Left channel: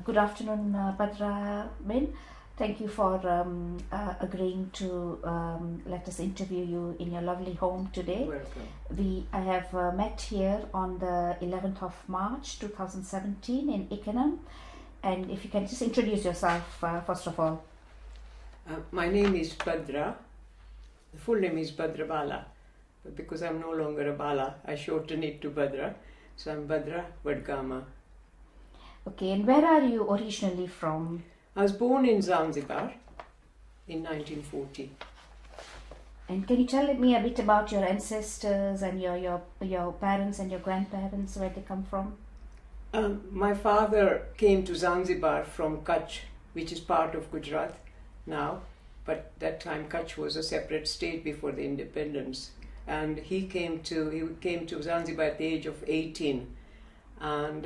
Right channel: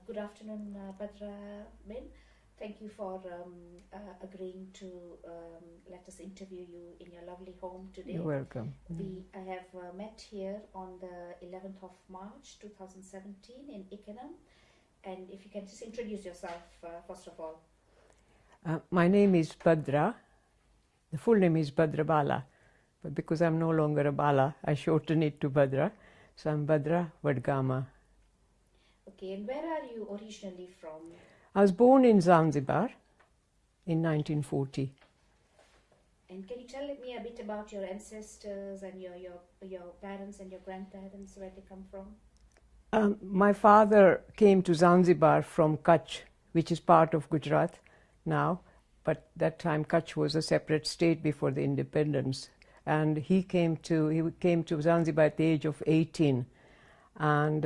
Good afternoon, Bhadra Min. Thank you for agreeing to let us interview you in your lovely home today. Welcome. I have met here on the 11th of March 2017 in Ickenham. And if you can just introduce yourself first of all. My name is Bhadra. The full name is Bhadra Bala. But because I'm no longer a Bala, I shorten it to Bhadra. So I'm Bhadra Vadgama. Okay, and where are you originally from? I was born in Zanzibar in 1940. And can you tell me a bit about your ancestors and your parents and your grandparents, where they come from? My father came to Zanzibar from Kutch, which is part of Gujarat now, but that time Kutch was a separate state before the independence. And he came to Zanzibar at the age of 18, and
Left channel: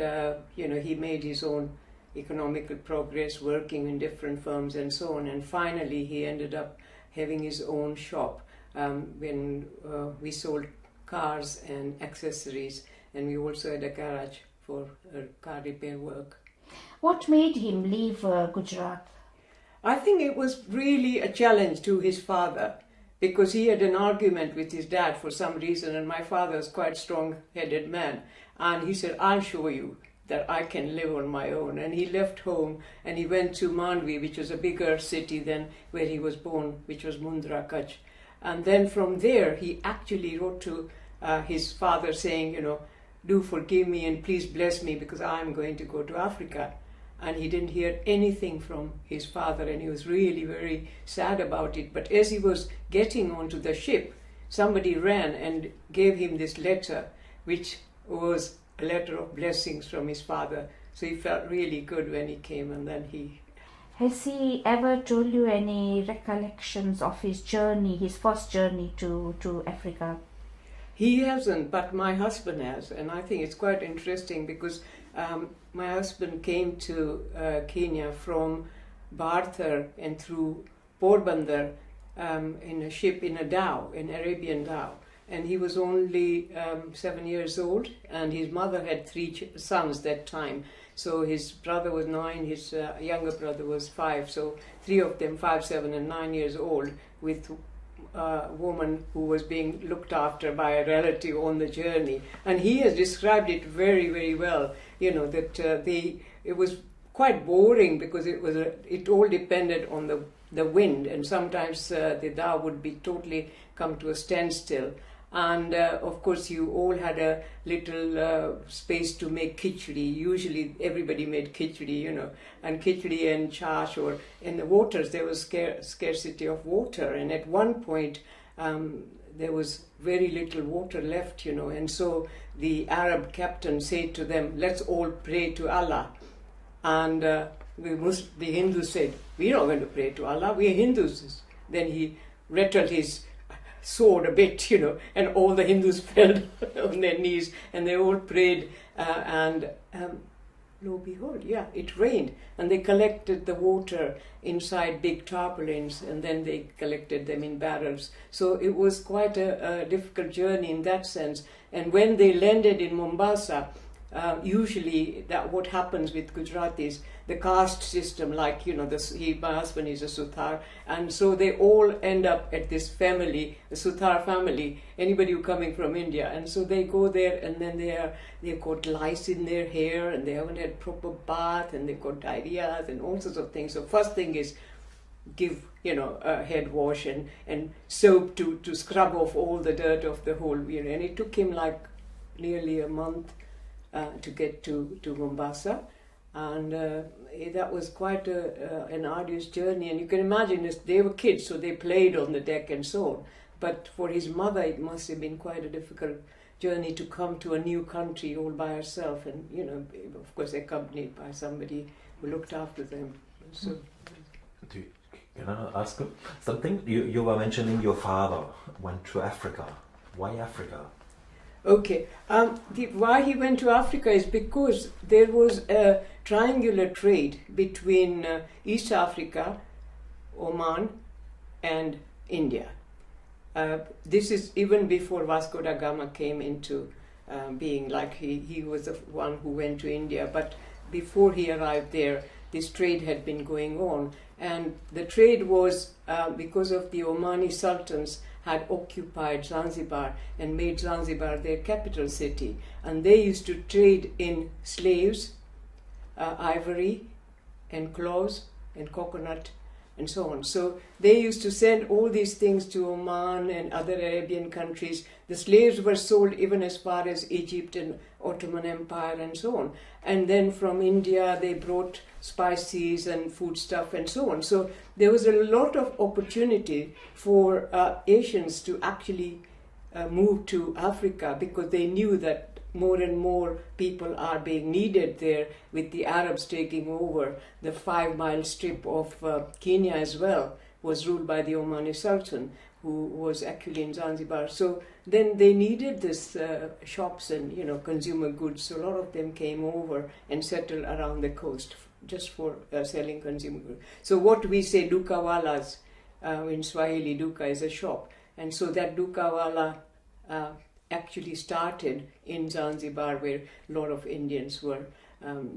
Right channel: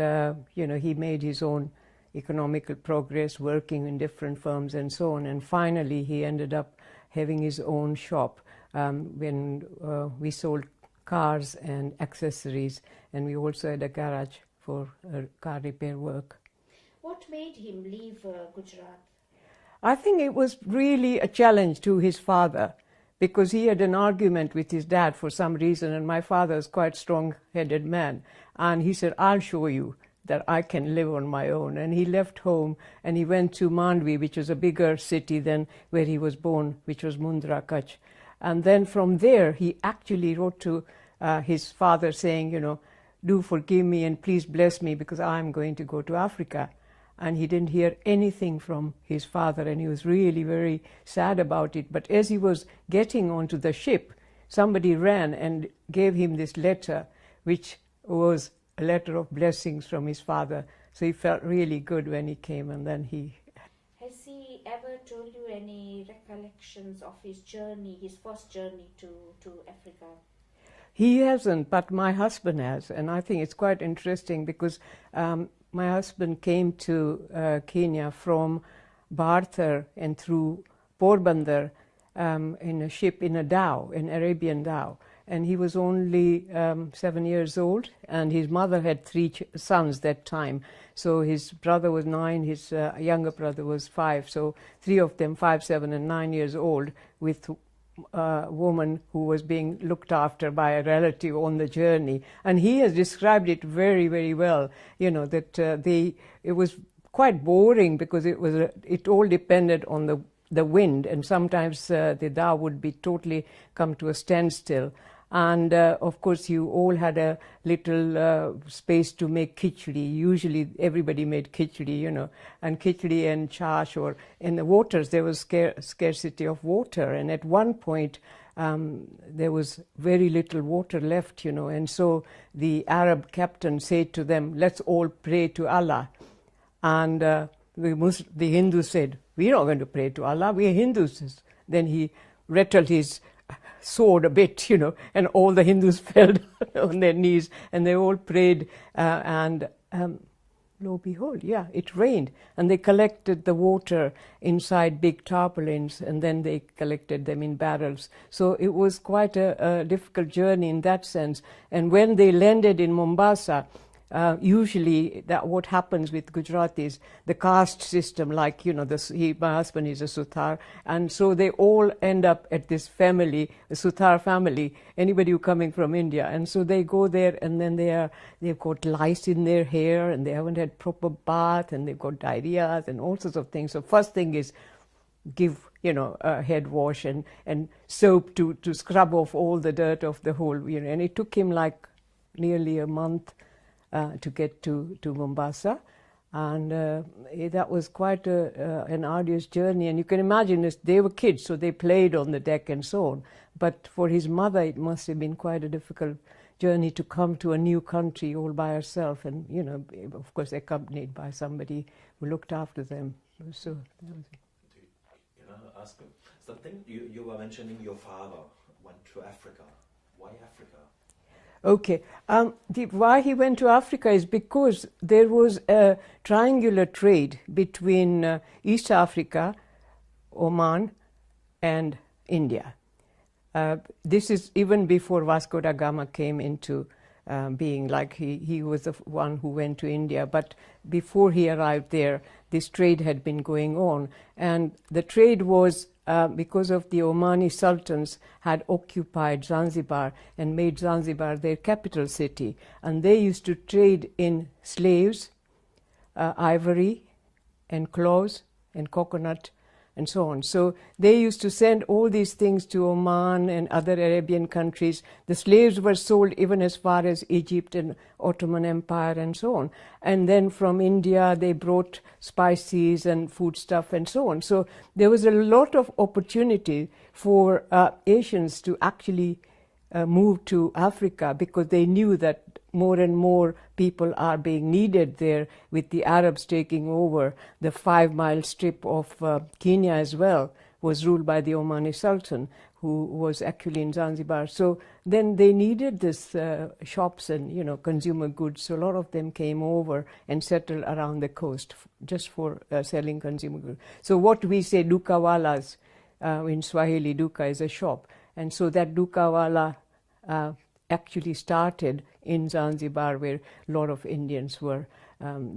he made his own economical progress, working in different firms and so on. And finally, he ended up having his own shop when we sold cars and accessories, and we also had a garage for car repair work. What made him leave Gujarat? I think it was really a challenge to his father, because he had an argument with his dad for some reason, and my father was quite a strong-headed man, and he said, I'll show you that I can live on my own. And he left home and he went to Mandvi, which was a bigger city than where he was born, which was Mundra, Kutch. And then from there, he actually wrote to his father saying, do forgive me and please bless me because I'm going to go to Africa. And he didn't hear anything from his father, and he was really very sad about it. But as he was getting onto the ship, somebody ran and gave him this letter, which was a letter of blessings from his father. So he felt really good when he came, and then he... Has he ever told you any recollections of his journey, his first journey to Africa? He hasn't, but my husband has, and I think it's quite interesting because my husband came to Kenya from Bhadras and through Porbandar in a ship, in a dhow, an Arabian dhow. And he was only 7 years old, and his mother had 3 sons that time. So his brother was 9, his younger brother was 5. So 3 of them, 5, 7, and 9 years old, with a woman who was being looked after by a relative on the journey. And he has described it very, very well. That it was quite boring because it all depended on the wind, and sometimes the dhow would be totally come to a standstill. And of course, you all had a little space to make khichdi. Usually, everybody made khichdi, and khichdi and chash, or in the waters there was scarcity of water. And at one point, there was very little water left, and so the Arab captain said to them, "Let's all pray to Allah." And the Hindus said, "We're not going to pray to Allah. We're Hindus." Then he rattled his sword a bit, and all the Hindus fell on their knees and they all prayed, and lo behold, it rained, and they collected the water inside big tarpaulins, and then they collected them in barrels. So it was quite a difficult journey in that sense. And when they landed in Mombasa, usually what happens with Gujaratis, the caste system, like my husband is a Suthar, and so they all end up at this family, the Suthar family, anybody who coming from India, and so they go there, and then they've got lice in their hair, and they haven't had proper bath, and they've got diarrhea and all sorts of things. So first thing is give a head wash and soap to scrub off all the dirt of the whole, and it took him like nearly a month to get to Mombasa, and that was quite an arduous journey. And you can imagine, they were kids, so they played on the deck and so on. But for his mother, it must have been quite a difficult journey to come to a new country all by herself, and of course accompanied by somebody who looked after them. So, can I ask something? You were mentioning your father went to Africa. Why Africa? Okay, why he went to Africa is because there was a triangular trade between East Africa, Oman, and India. This is even before Vasco da Gama came into being like he was the one who went to India. But before he arrived there, this trade had been going on. And the trade was because of the Omani sultans had occupied Zanzibar and made Zanzibar their capital city. And they used to trade in slaves, ivory and cloths and coconut and so on. So they used to send all these things to Oman and other Arabian countries. The slaves were sold even as far as Egypt and Ottoman Empire and so on. And then from India they brought spices and foodstuff and so on. So there was a lot of opportunity for Asians to actually move to Africa, because they knew that more and more people are being needed there, with the Arabs taking over. The 5-mile strip of Kenya as well was ruled by the Omani Sultan, who was actually in Zanzibar. So then they needed this shops and consumer goods. So a lot of them came over and settled around the coast just for selling consumer goods. So what we say dukawalas in Swahili, duka is a shop, and so that dukawala actually started in Zanzibar, where a lot of Indians were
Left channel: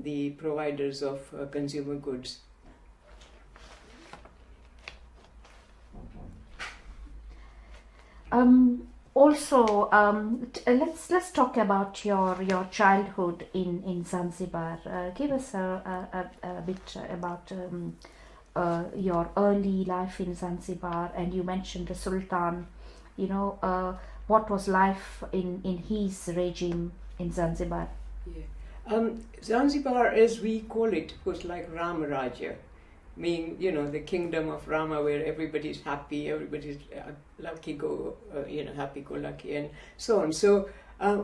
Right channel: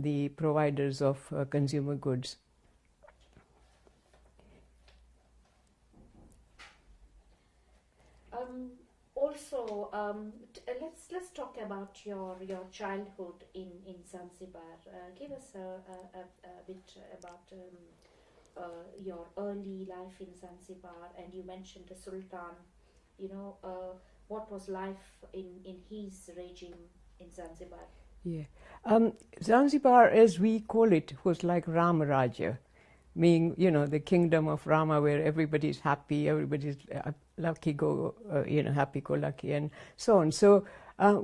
the providers of consumer goods. Also, let's talk about your childhood in Zanzibar. Give us a bit about your early life in Zanzibar, and you mentioned the Sultan. What was life in his regime in Zanzibar? Yeah. Zanzibar, as we call it, was like Ramaraja, meaning, the kingdom of Rama, where everybody's happy, everybody's happy-go-lucky, and so on. So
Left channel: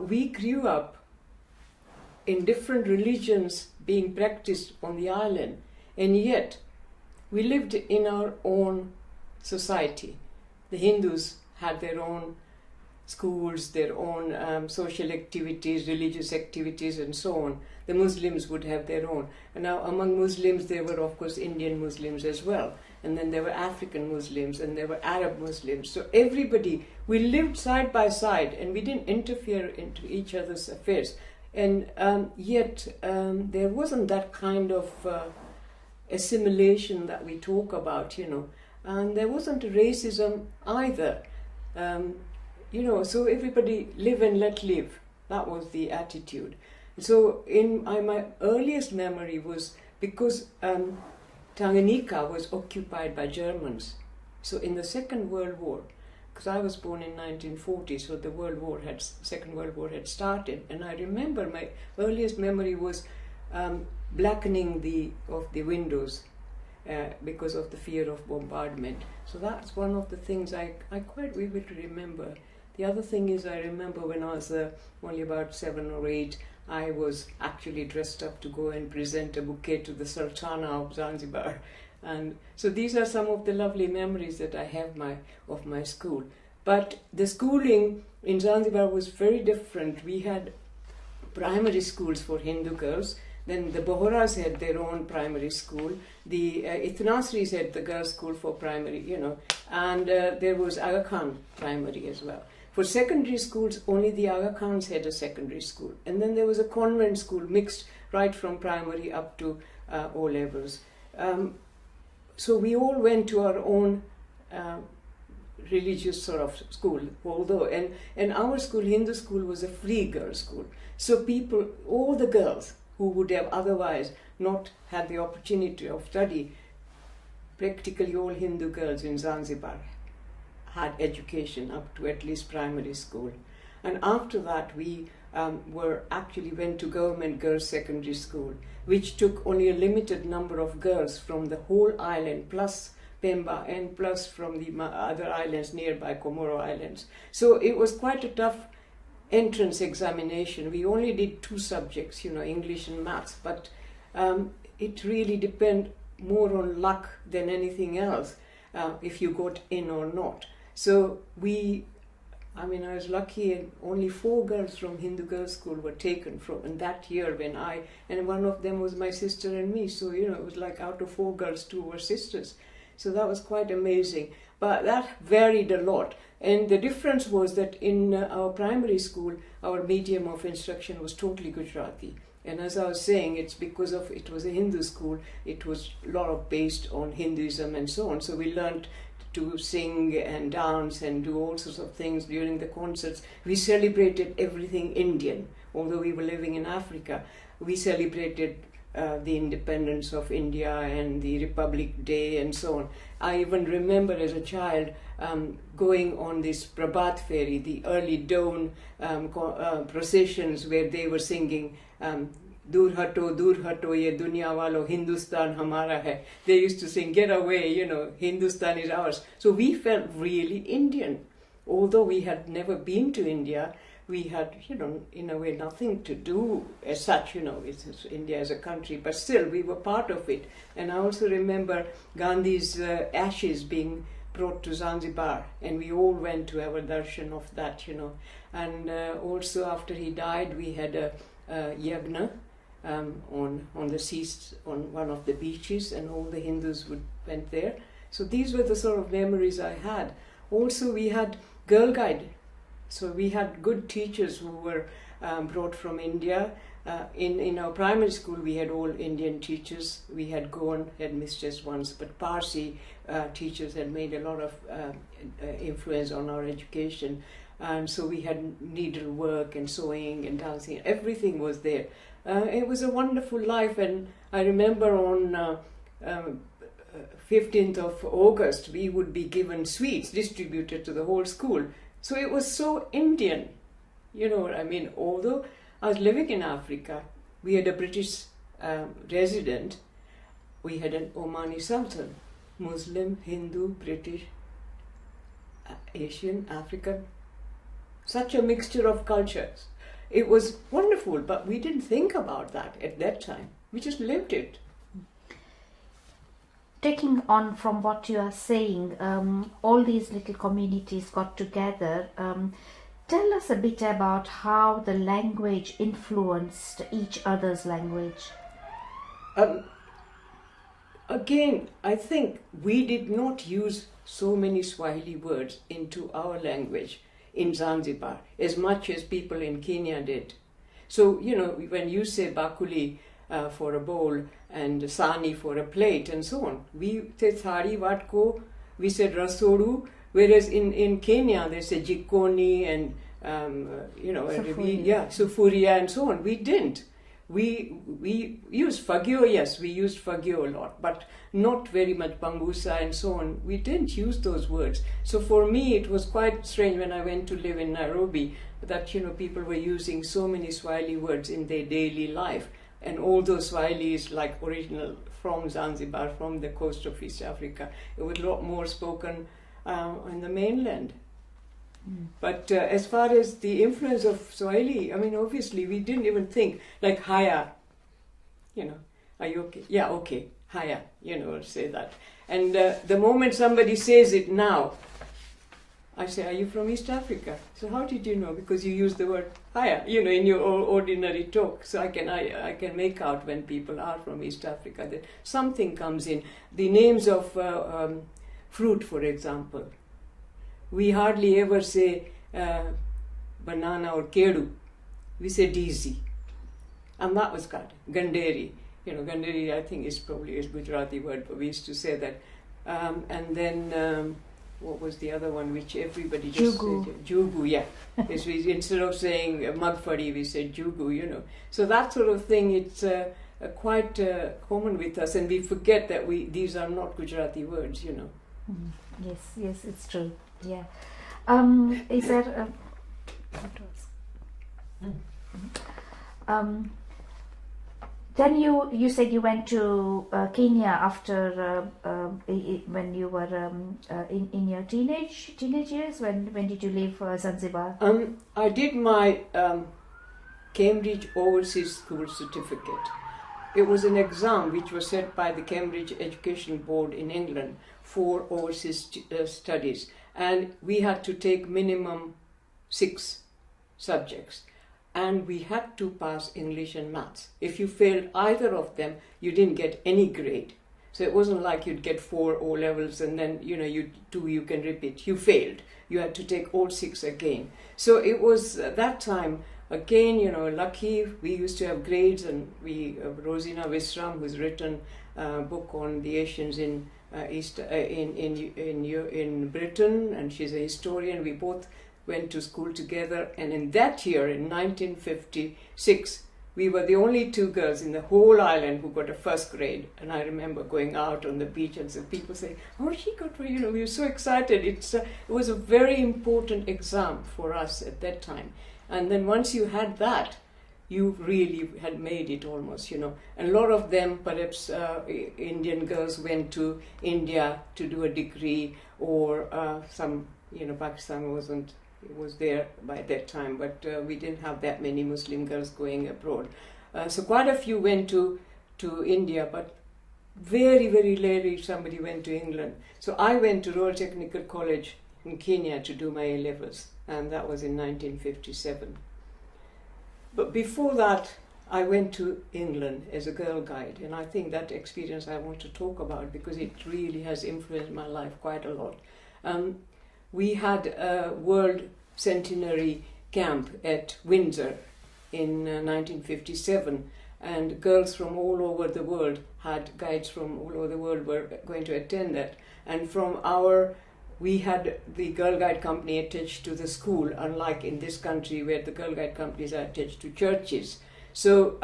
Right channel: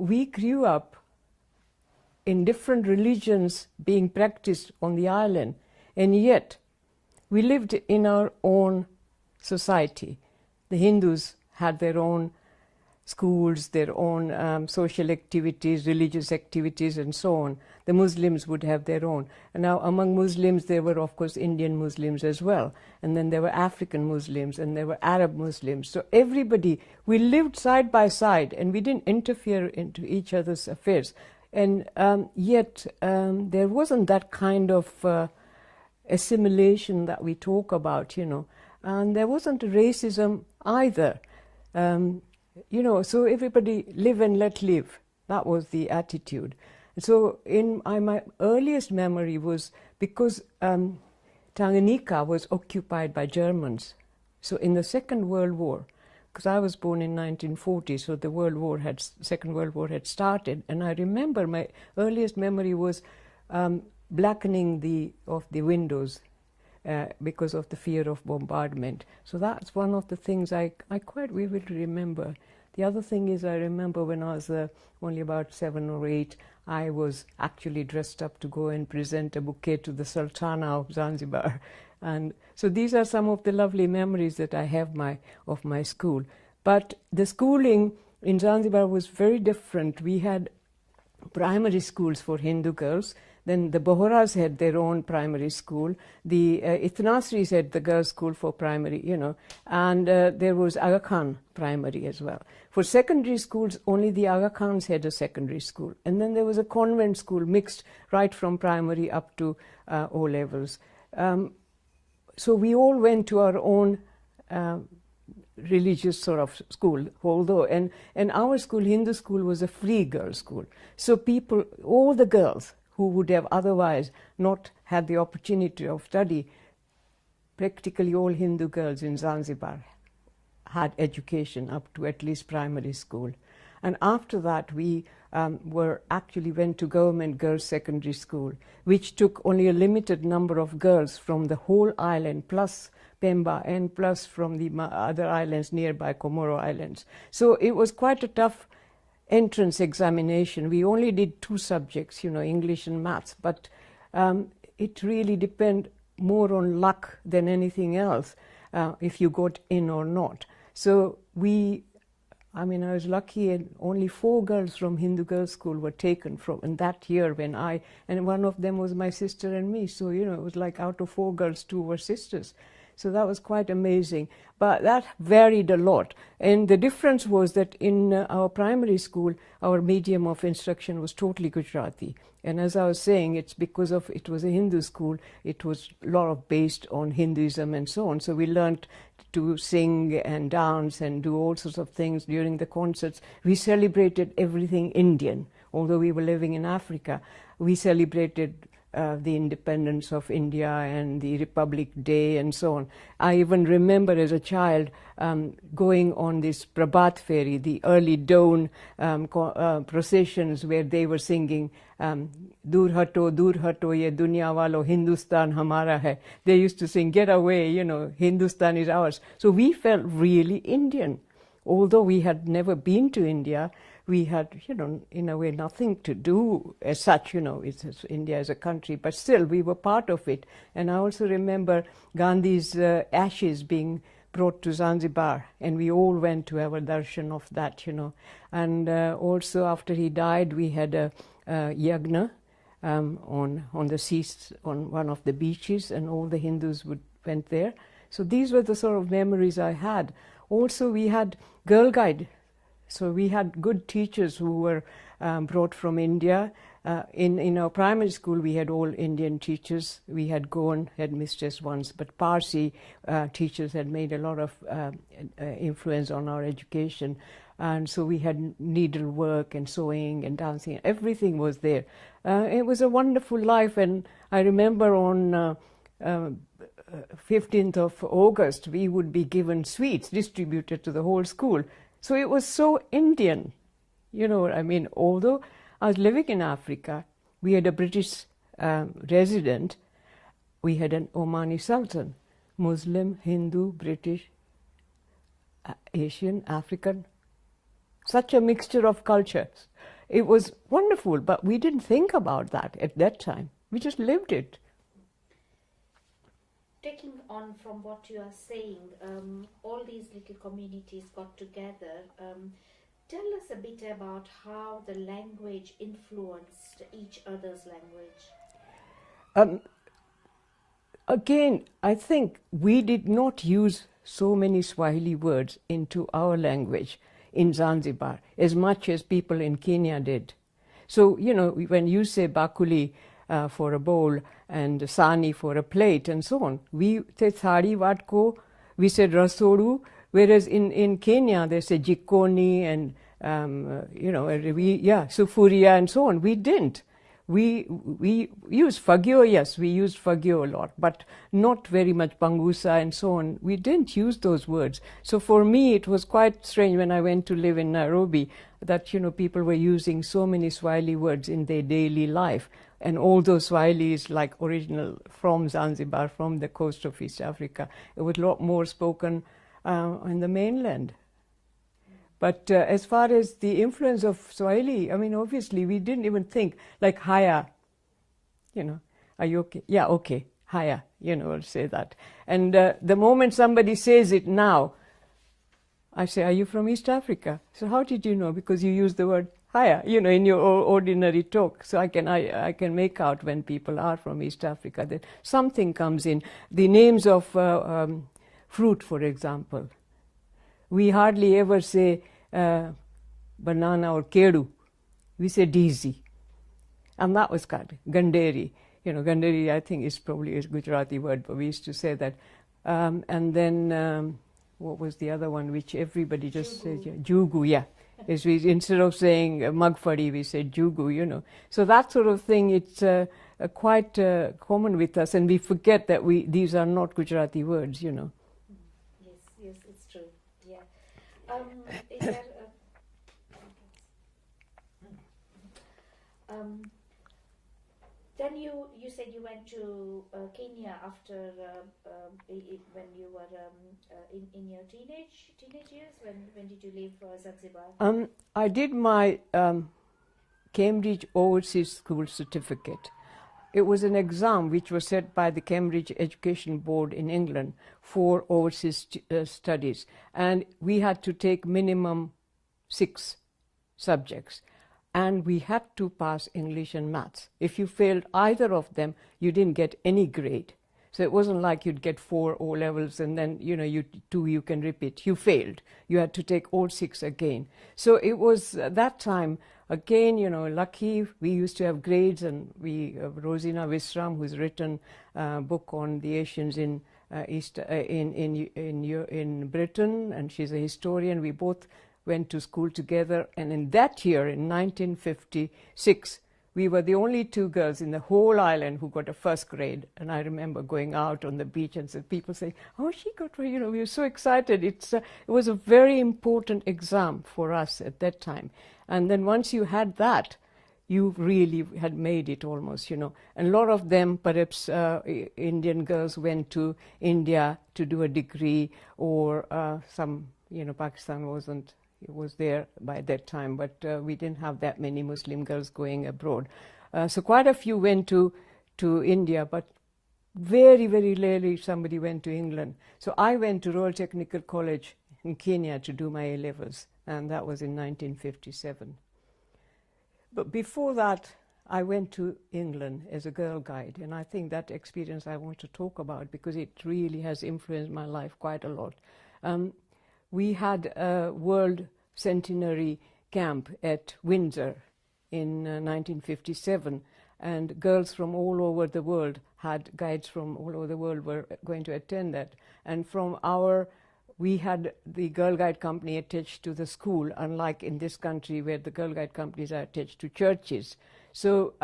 we grew up in different religions being practiced on the island, and yet we lived in our own society. The Hindus had their own schools, their own social activities, religious activities, and so on. The Muslims would have their own. And now among Muslims there were, of course, Indian Muslims as well. And then there were African Muslims and there were Arab Muslims. So everybody, we lived side by side and we didn't interfere into each other's affairs. And yet there wasn't that kind of assimilation that we talk about, And there wasn't racism either. So everybody live and let live. That was the attitude. So my earliest memory was because Tanganyika was occupied by Germans. So in the Second World War, because I was born in 1940, so the Second World War had started, and I remember my earliest memory was blackening of the windows because of the fear of bombardment. So that's one of the things I quite vividly remember. The other thing is, I remember when I was only about 7 or 8, I was actually dressed up to go and present a bouquet to the Sultana of Zanzibar. And so these are some of the lovely memories that I have of my school. But the schooling in Zanzibar was very different. We had primary schools for Hindu girls. Then the Bhadras had their own primary school. The Ithnasris had the girls' school for primary, and there was Aga Khan primary as well. For secondary schools, only the Aga Khans had a secondary school. And then there was a convent school mixed right from primary up to O-levels. So we all went to our own religious sort of school, although, and our school, Hindu school, was a free girls' school. So all the girls who would have otherwise not had the opportunity of study, practically all Hindu girls in Zanzibar had education up to at least primary school. And after that we went to government girls' secondary school, which took only a limited number of girls from the whole island, plus Pemba, and plus from the other islands nearby, Comoro Islands. So it was quite a tough entrance examination. We only did 2 subjects, English and maths, but it really depended more on luck than anything else, if you got in or not. So I was lucky, and only 4 girls from Hindu girls' school were taken from, and that year and one of them was my sister and me. So, it was like out of 4 girls, 2 were sisters. So that was quite amazing. but that varied a lot. And the difference was that in our primary school, our medium of instruction was totally Gujarati. And as I was saying, it's because of it was a Hindu school, it was a lot of based on Hinduism and so on. So we learned to sing and dance and do all sorts of things during the concerts. We celebrated everything Indian. Although we were living in Africa, we celebrated the independence of India and the Republic Day and so on. I even remember as a child going on this Prabhat Ferry, the early dawn processions where they were singing Dur hato ye dunya walo, Hindustan hamara hai. They used to sing, get away, Hindustan is ours. So we felt really Indian. Although we had never been to India, we had, in a way, nothing to do as such, it's India as a country, but still we were part of it. And I also remember Gandhi's ashes being brought to Zanzibar, and we all went to have a darshan of that, And also after he died, we had a yagna on the seas, on one of the beaches, and all the Hindus went there. So these were the sort of memories I had. Also, we had Girl Guide. So we had good teachers who were brought from India. In our primary school, we had all Indian teachers. We had Goan headmistress once, but Parsi teachers had made a lot of influence on our education. And so we had needlework and sewing and dancing. Everything was there. It was a wonderful life. And I remember on 15th of August, we would be given sweets distributed to the whole school. So it was so Indian, you know what I mean? Although I was living in Africa, we had a British resident, we had an Omani Sultan, Muslim, Hindu, British, Asian, African, such a mixture of cultures. It was wonderful, but we didn't think about that at that time. We just lived it. Taking on from what you are saying, all these little communities got together. Tell us a bit about how the language influenced each other's language. Again, I think we did not use so many Swahili words into our language in Zanzibar as much as people in Kenya did. So, you know, when you say bakuli for a bowl and sani for a plate and so on, we say thari vatko, we said rasodu, whereas in Kenya they say jikoni and sufuria and so on. We didn't. We used fagio, yes, we used fagio a lot, but not very much pangusa and so on. We didn't use those words. So for me it was quite strange when I went to live in Nairobi that, you know, people were using so many Swahili words in their daily life. And all those Swahili is like original from Zanzibar, from the coast of East Africa. It was a lot more spoken on the mainland. But as far as the influence of Swahili, I mean, obviously we didn't even think, like haya, you know, are you okay? Yeah, okay, haya, you know, say that. And the moment somebody says it now, I say, are you from East Africa? So how did you know? Because you use the word haya, you know, in your ordinary talk. So I can make out when people are from East Africa that something comes in. The names of fruit, for example. We hardly ever say banana or kedu. We say daisy. And that was cut. Gandheri. You know, Gandheri I think is probably a Gujarati word, but we used to say that. And then what was the other one which everybody just said? Jugu, yeah. Instead of saying magfadi, we say jugu, you know. So that sort of thing, it's quite common with us, and we forget that these are not Gujarati words, you know. Yes, it's true. Yeah. Is there then you said you went to Kenya after when you were in your teenage years. When did you leave Zanzibar? I did my Cambridge Overseas School Certificate. It was an exam which was set by the Cambridge Education Board in England for overseas studies, and we had to take minimum 6 subjects. And we had to pass English and maths. If you failed either of them, you didn't get any grade. So it wasn't like you'd get 4 O levels and then, you can repeat. You failed. You had to take all 6 again. So it was at that time, again, lucky. We used to have grades, and Rosina Visram, who's written a book on the Asians in Britain, and she's a historian. We both went to school together, and in that year, in 1956, we were the only 2 girls in the whole island who got a first grade. And I remember going out on the beach and people saying, "Oh, she got," we were so excited. It was a very important exam for us at that time. And then once you had that, you really had made it almost, And a lot of them, perhaps Indian girls, went to India to do a degree, or some, Pakistan was there by that time, but we didn't have that many Muslim girls going abroad. So quite a few went to India, but very, very rarely somebody went to England. So I went to Royal Technical College in Kenya to do my A-levels, and that was in 1957. But before that, I went to England as a girl guide, and I think that experience I want to talk about because it really has influenced my life quite a lot. We had a World Centenary camp at Windsor in 1957, and girls from all over the world, guides from all over the world were going to attend that. And we had the Girl Guide Company attached to the school, unlike in this country where the Girl Guide companies are attached to churches. So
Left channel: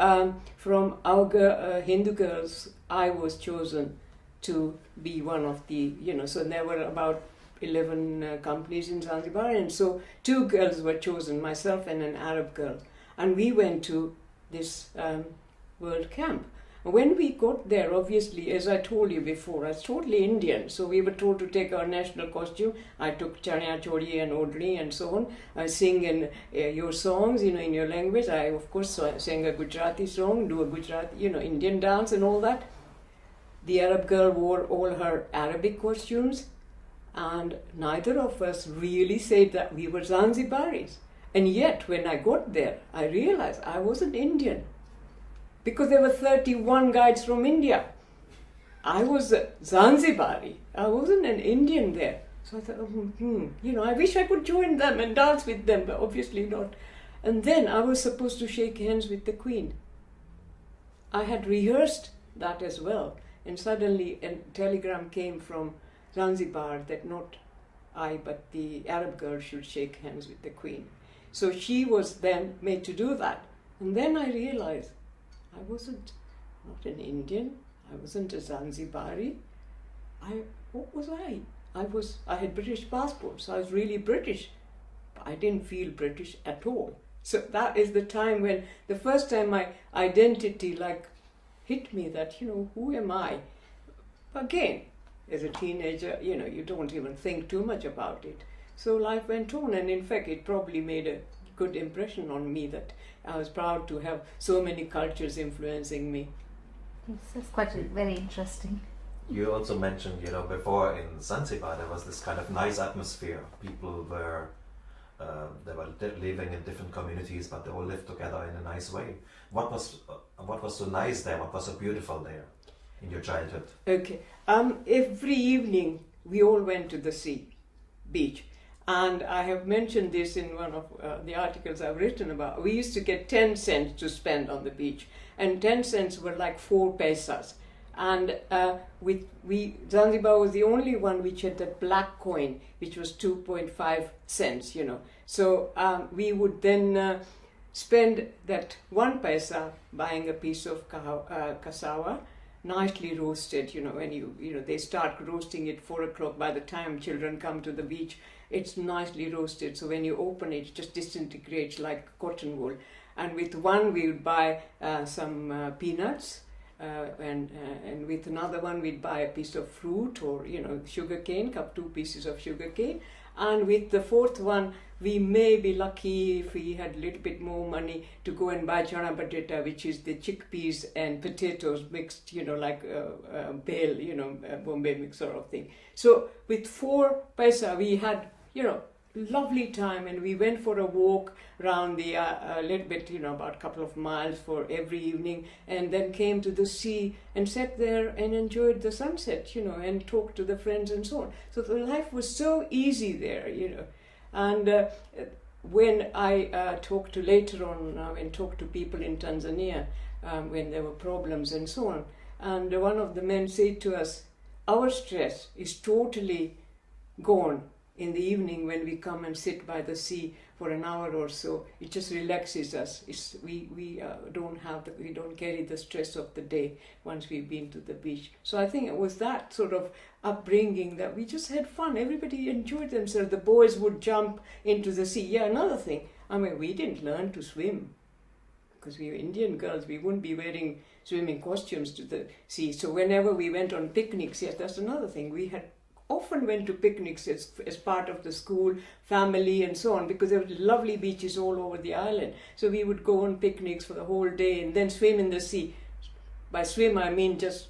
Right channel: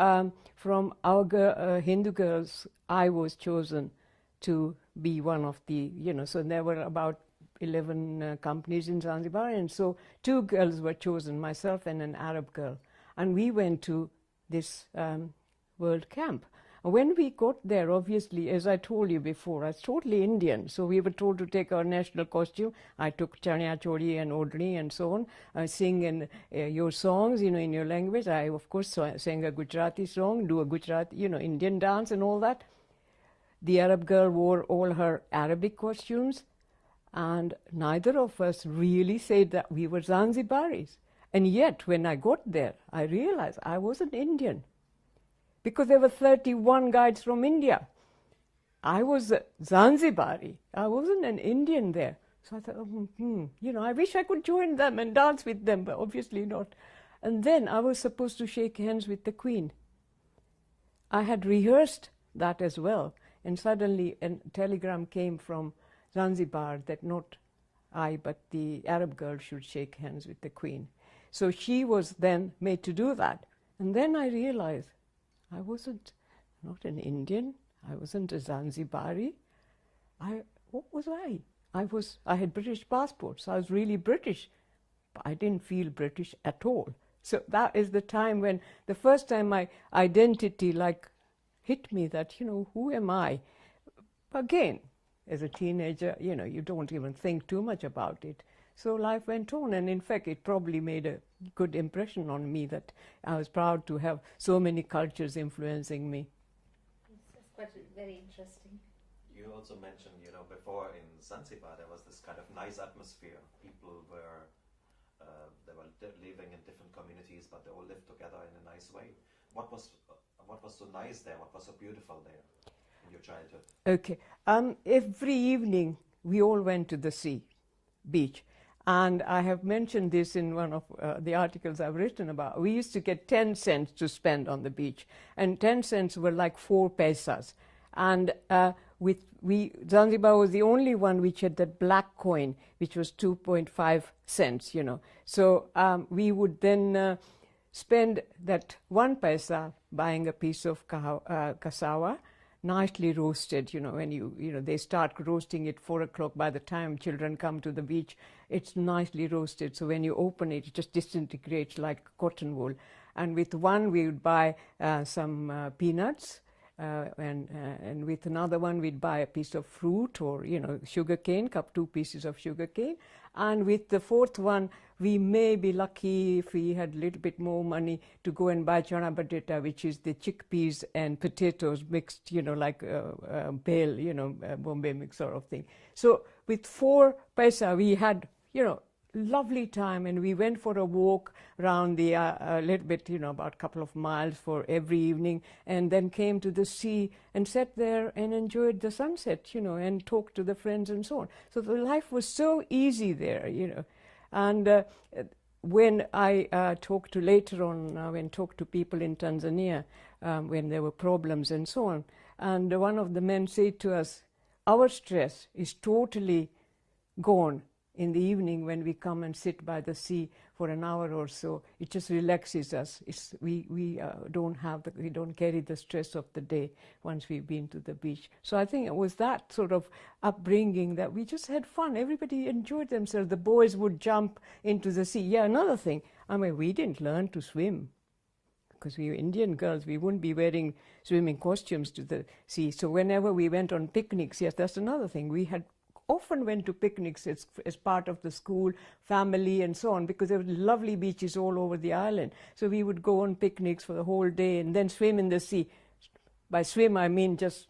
from our Hindu girls, I was chosen to be one of the, so there were about 11 companies in Zanzibar, and so 2 girls were chosen, myself and an Arab girl. And we went to this world camp. When we got there, obviously, as I told you before, I was totally Indian. So we were told to take our national costume. I took chania chori and odri and so on. I sing your songs, in your language. I, of course, sang a Gujarati song, do a Gujarati, Indian dance and all that. The Arab girl wore all her Arabic costumes, and neither of us really said that we were Zanzibaris. And yet, when I got there, I realized I wasn't Indian, because there were 31 guides from India. I was a Zanzibari. I wasn't an Indian there. So I thought, I wish I could join them and dance with them, but obviously not. And then I was supposed to shake hands with the Queen. I had rehearsed that as well, and suddenly a telegram came from Zanzibar that not I, but the Arab girl should shake hands with the Queen. So she was then made to do that. And then I realized I wasn't not an Indian. I wasn't a Zanzibari. What was I? I had British passports. I was really British. But I didn't feel British at all. So that is the time when the first time my identity hit me that, who am I? Again, as a teenager, you don't even think too much about it. So life went on, and in fact, it probably made a good impression on me that I was proud to have so many cultures influencing me. It's quite very interesting. You also mentioned, before in Zanzibar there was this kind of nice atmosphere. People were living in different communities, but they all lived together in a nice way. What was so nice there? What was so beautiful there in your childhood? Okay. Every evening we all went to the beach. And I have mentioned this in one of the articles I've written about. We used to get 10 cents to spend on the beach. And 10 cents were like 4 paisas. And Zanzibar was the only one which had the black coin, which was 2.5 cents, So we would then spend that 1 paisa buying a piece of cassava, nicely roasted, when they start roasting it 4 o'clock. By the time children come to the beach, it's nicely roasted. So when you open it, it just disintegrates like cotton wool. And with one, we would buy some peanuts, and with another one, we'd buy a piece of fruit or, sugar cane, 2 pieces of sugar cane. And with the 4th one, we may be lucky if we had a little bit more money to go and buy chana batata, which is the chickpeas and potatoes mixed, like bale, Bombay mix sort of thing. So with 4 paisa, we had, lovely time, and we went for a walk around the a little bit, about a couple of miles for every evening, and then came to the sea and sat there and enjoyed the sunset, and talked to the friends and so on. So the life was so easy there, And when I talked to later on, when talked to people in Tanzania, when there were problems and so on, and one of the men said to us, our stress is totally gone in the evening when we come and sit by the sea for an hour or so. It just relaxes us. We don't carry the stress of the day once we've been to the beach. So I think it was that sort of upbringing that we just had fun. Everybody enjoyed themselves. The boys would jump into the sea. Yeah, another thing. We didn't learn to swim because we were Indian girls. We wouldn't be wearing swimming costumes to the sea. So whenever we went on picnics, yes, that's another thing. We had often went to picnics as part of the school, family and so on, because there were lovely beaches all over the island. So we would go on picnics for the whole day and then swim in the sea. By swim, I mean just,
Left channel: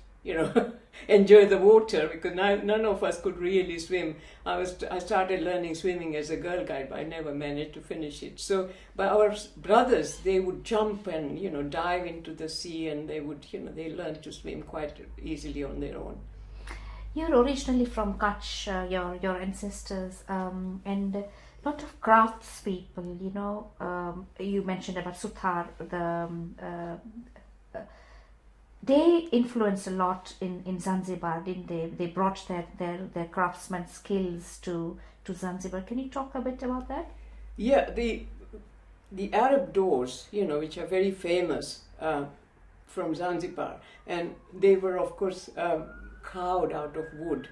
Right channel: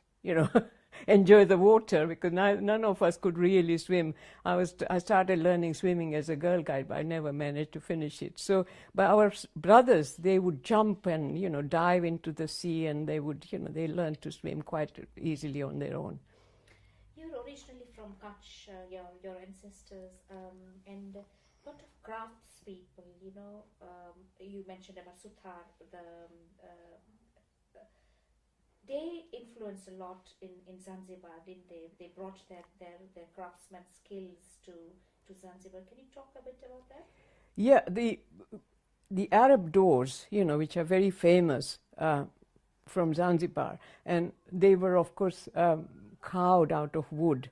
enjoy the water, because none of us could really swim. I started learning swimming as a Girl Guide, but I never managed to finish it. So, but our brothers, they would jump and, dive into the sea, and they would, they learned to swim quite easily on their own. You're originally from Kutch, your ancestors, and a lot of crafts people, you mentioned about Suthar, they influenced a lot in Zanzibar, didn't they? They brought their craftsman skills to Zanzibar. Can you talk a bit about that? Yeah, the Arab doors, which are very famous from Zanzibar, and they were, of course, carved out of wood,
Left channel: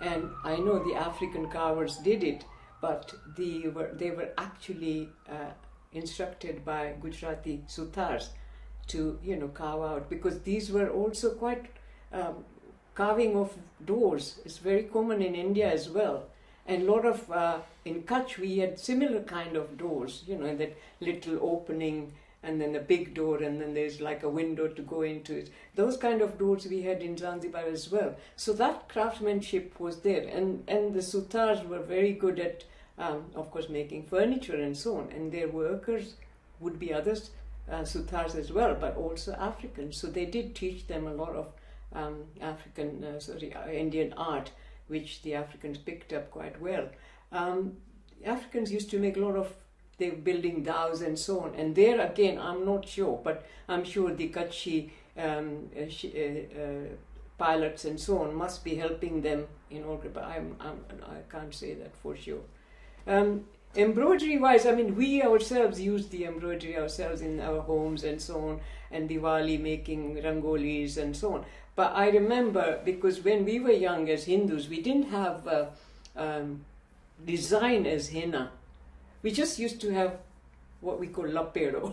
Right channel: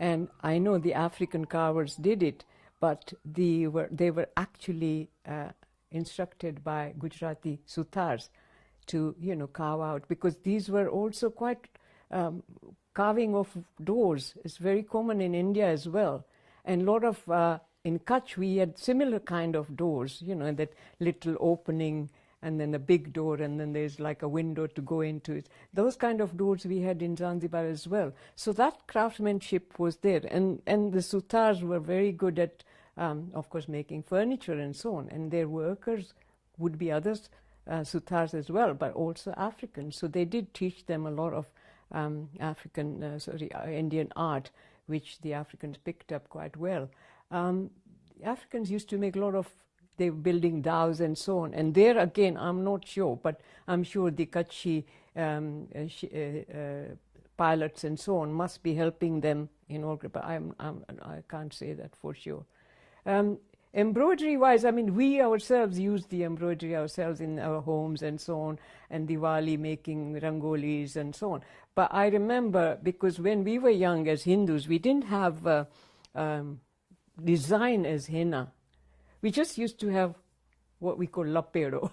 and I know the African carvers did it, but they were actually instructed by Gujarati Suthars to carve out, because these were also quite carving of doors is very common in India as well, and a lot of in Kutch we had similar kind of doors, that little opening and then a big door, and then there's like a window to go into it. Those kind of doors we had in Zanzibar as well. So that craftsmanship was there, and the Sutars were very good at, of course, making furniture and so on. And their workers would be others, Sutars as well, but also Africans. So they did teach them a lot of Indian art, which the Africans picked up quite well. Africans used to make a lot of, they were building dhows and so on. And there again, I'm not sure, but I'm sure the Kutchi pilots and so on must be helping them in order, but I can't say that for sure. Embroidery wise, we ourselves use the embroidery ourselves in our homes and so on, and Diwali making rangolis and so on. But I remember, because when we were young as Hindus, we didn't have design as henna. We just used to have what we call lapero.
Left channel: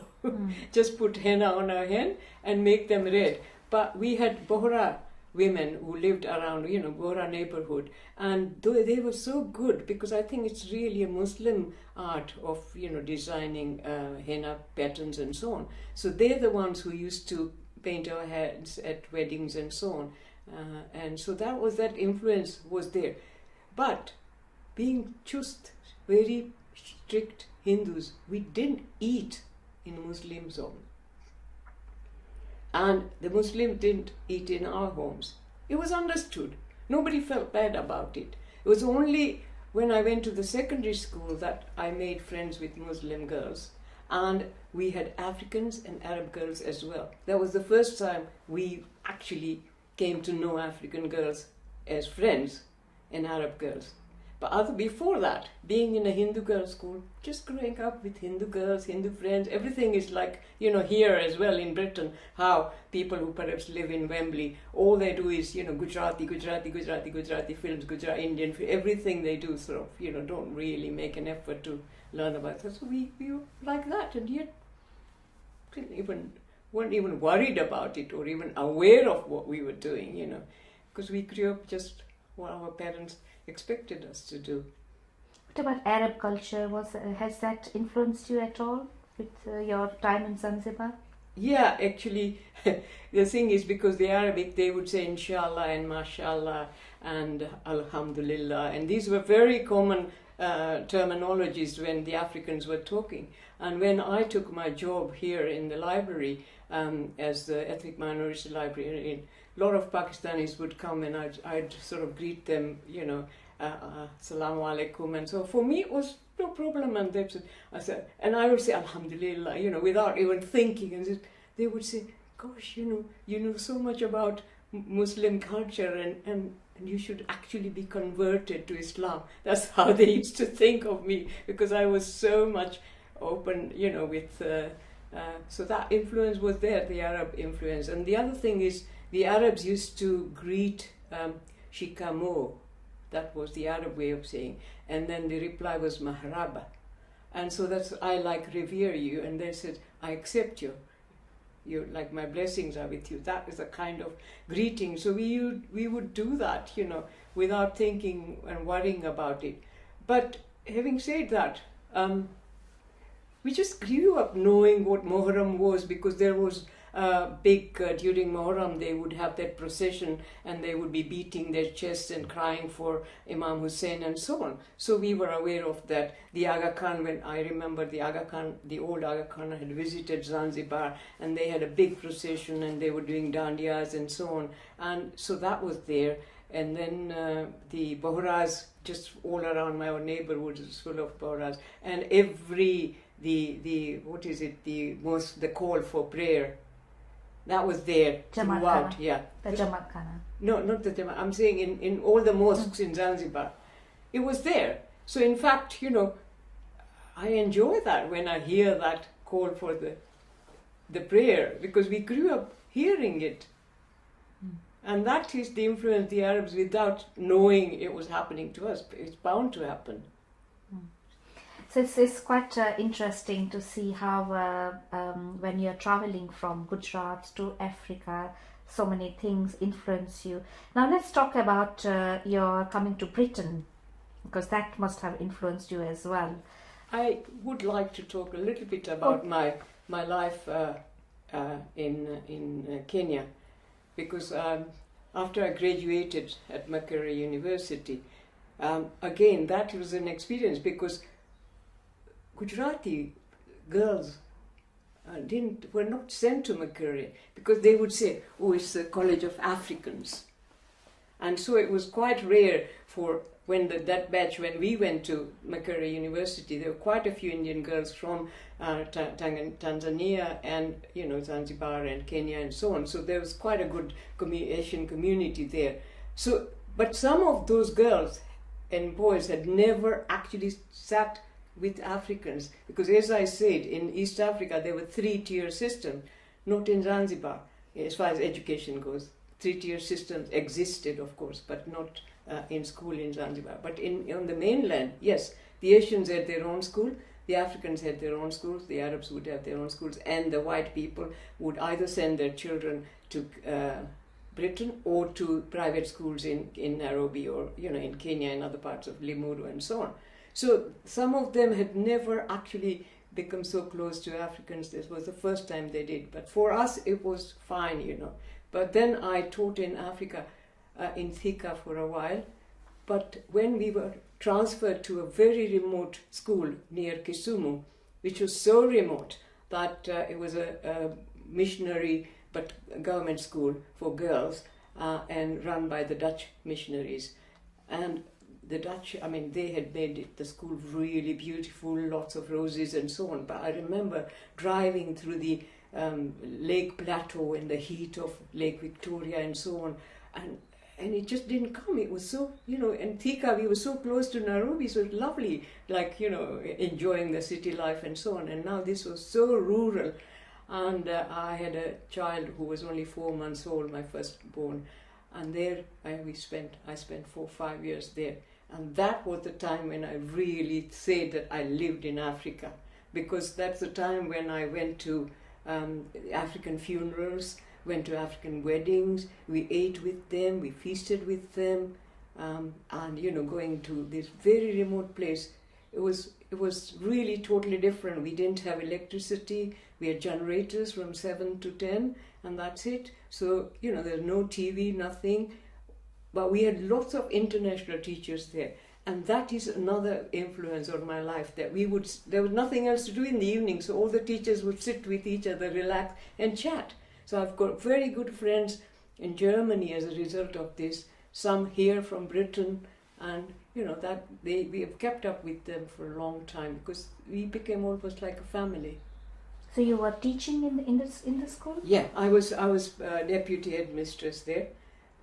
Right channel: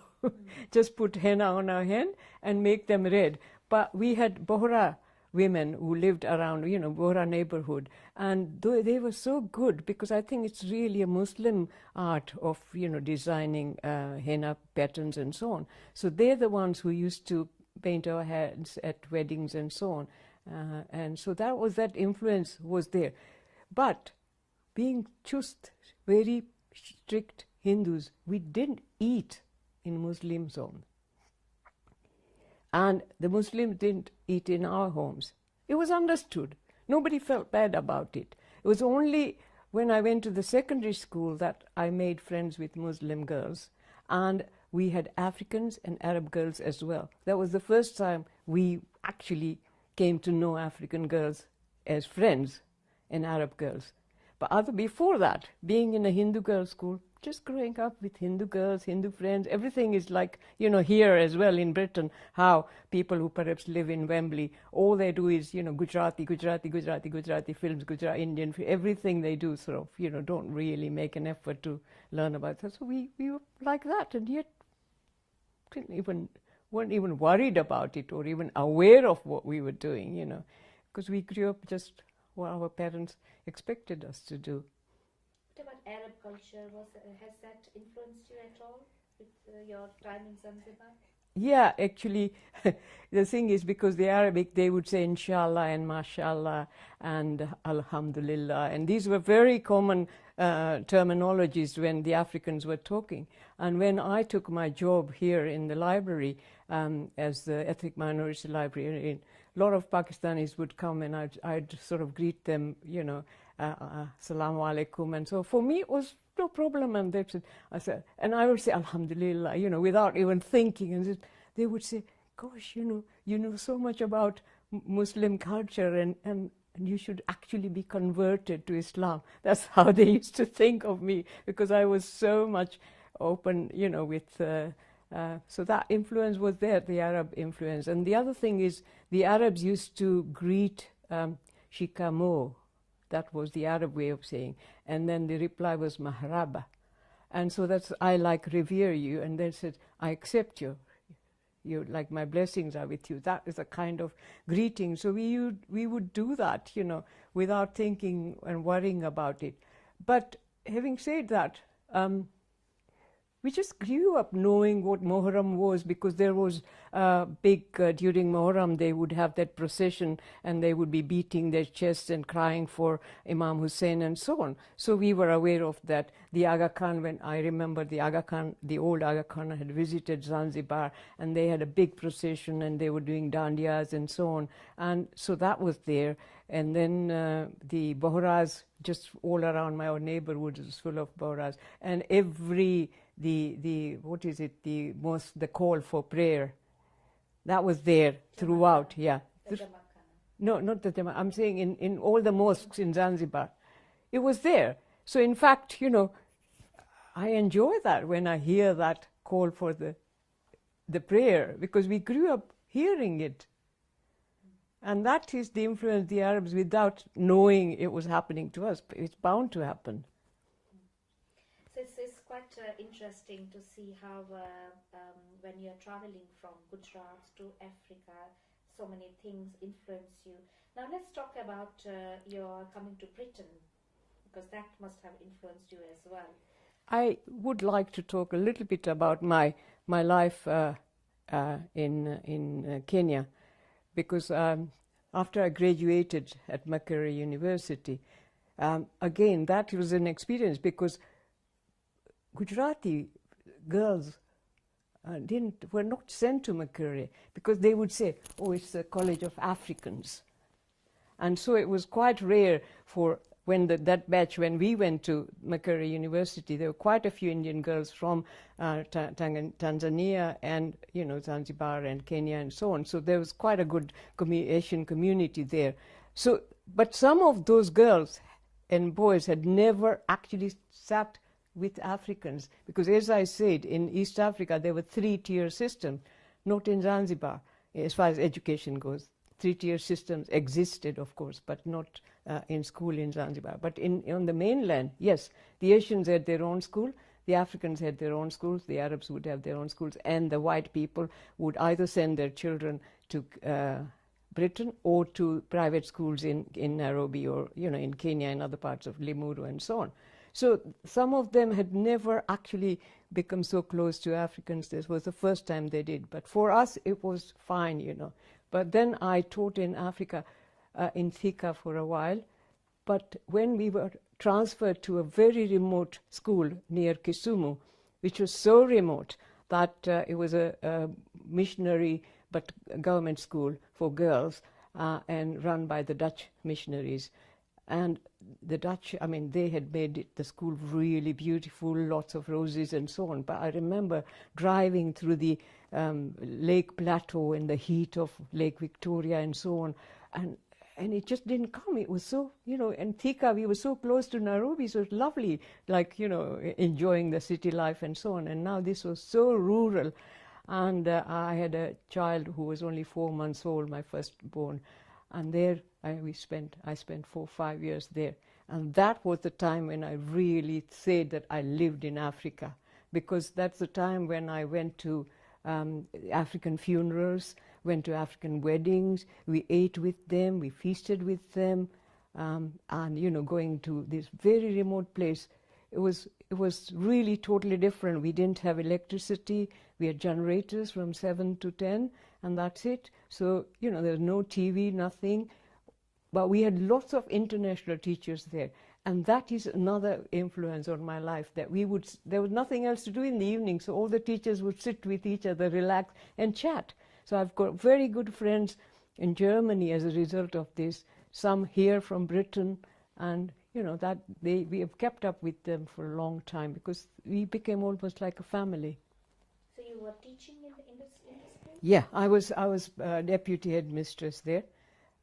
Just put henna on our hand and make them red. But we had Bohra women who lived around, Bohra neighborhood. And they were so good, because I think it's really a Muslim art of, designing henna patterns and so on. So they're the ones who used to paint our heads at weddings and so on. And so that influence was there. But being just very strict Hindus, we didn't eat in Muslim zone, and the Muslims didn't eat in our homes. It was understood. Nobody felt bad about it. It was only when I went to the secondary school that I made friends with Muslim girls, and we had Africans and Arab girls as well. That was the first time we actually came to know African girls as friends and Arab girls. But before that, being in a Hindu girls' school, just growing up with Hindu girls, Hindu friends, everything is like, here as well in Britain, how people who perhaps live in Wembley, all they do is, Gujarati films, Gujarati Indian, everything they do sort of, don't really make an effort to learn about that. So we were like that, and yet weren't even worried about it or even aware of what we were doing, because we grew up just what our parents expected us to do. What about Arab culture? Has that influenced you at all with your time in Zanzibar? Yeah, actually, the thing is, because the Arabic, they would say inshallah and mashallah and alhamdulillah, and these were very common terminologies when the Africans were talking. And when I took my job here in the library as the ethnic minority librarian, a lot of Pakistanis would come and I'd sort of greet them, Assalamu alaikum. And so for me it was no problem. And and I would say Alhamdulillah, without even thinking. And they would say, gosh, you know so much about Muslim culture and you should actually be converted to Islam. That's how they used to think of me, because I was so much open, with... so that influence was there, the Arab influence. And the other thing is, the Arabs used to greet Shikamo. That was the Arab way of saying. And then the reply was Mahraba. And so that's, I revere you. And they said, I accept you. You, like, my blessings are with you. That is a kind of greeting. So we would do that, without thinking and worrying about it. But having said that, we just grew up knowing what Muharram was, because there was big, during Muharram they would have that procession and they would be beating their chests and crying for Imam Hussein and so on. So we were aware of that. The Aga Khan, when I remember the old Aga Khan had visited Zanzibar and they had a big procession and they were doing dandiyas and so on. And so that was there. And then the Bhadras, just all around my own neighborhood is full of Bhadras. And every... the call for prayer, that was there throughout. Yeah, the Jamaat Khana. No, not the Jamaat. I'm saying in all the mosques in Zanzibar, it was there. So in fact, I enjoy that when I hear that call for the prayer, because we grew up hearing it. And that is the influence of the Arabs without knowing it was happening to us. It's bound to happen. So it's quite interesting to see how when you're traveling from Gujarat to Africa, so many things influence you. Now let's talk about your coming to Britain, because that must have influenced you as well. I would like to talk a little bit about my life in Kenya, because after I graduated at Makerere University, again that was an experience, because Gujarati girls were not sent to Makerere, because they would say, oh, it's the College of Africans. And so it was quite rare for that batch, when we went to Makerere University, there were quite a few Indian girls from Tanzania and, Zanzibar and Kenya and so on. So there was quite a good Asian community there. So, but some of those girls and boys had never actually sat with Africans, because as I said, in East Africa there were 3-tier systems, not in Zanzibar as far as education goes. 3-tier systems existed, of course, but not in school in Zanzibar. But on the mainland, yes, the Asians had their own school, the Africans had their own schools, the Arabs would have their own schools, and the white people would either send their children to Britain or to private schools in Nairobi or in Kenya and other parts of Limuru and so on. So some of them had never actually become so close to Africans. This was the first time they did. But for us, it was fine, But then I taught in Africa, in Thika for a while. But when we were transferred to a very remote school near Kisumu, which was so remote that it was a missionary but government school for girls and run by the Dutch missionaries. And the Dutch, they had made the school really beautiful, lots of roses and so on. But I remember driving through the Lake Plateau in the heat of Lake Victoria and so on. And it just didn't come. It was so, in Thika we were so close to Nairobi, so it was lovely, enjoying the city life and so on. And now this was so rural. And I had a child who was only 4 months old, my firstborn. And there I spent 4 or 5 years there. And that was the time when I really said that I lived in Africa, because that's the time when I went to African funerals, went to African weddings, we ate with them, we feasted with them, and going to this very remote place. It was really totally different. We didn't have electricity, we had generators from 7 to 10, and that's it. So, there's no TV, nothing. But we had lots of international teachers there. And that is another influence on my life, that there was nothing else to do in the evening, so all the teachers would sit with each other, relax and chat. So I've got very good friends in Germany as a result of this, some here from Britain, and that we have kept up with them for a long time because we became almost like a family. So you were teaching in the school? Yeah, I was deputy headmistress there,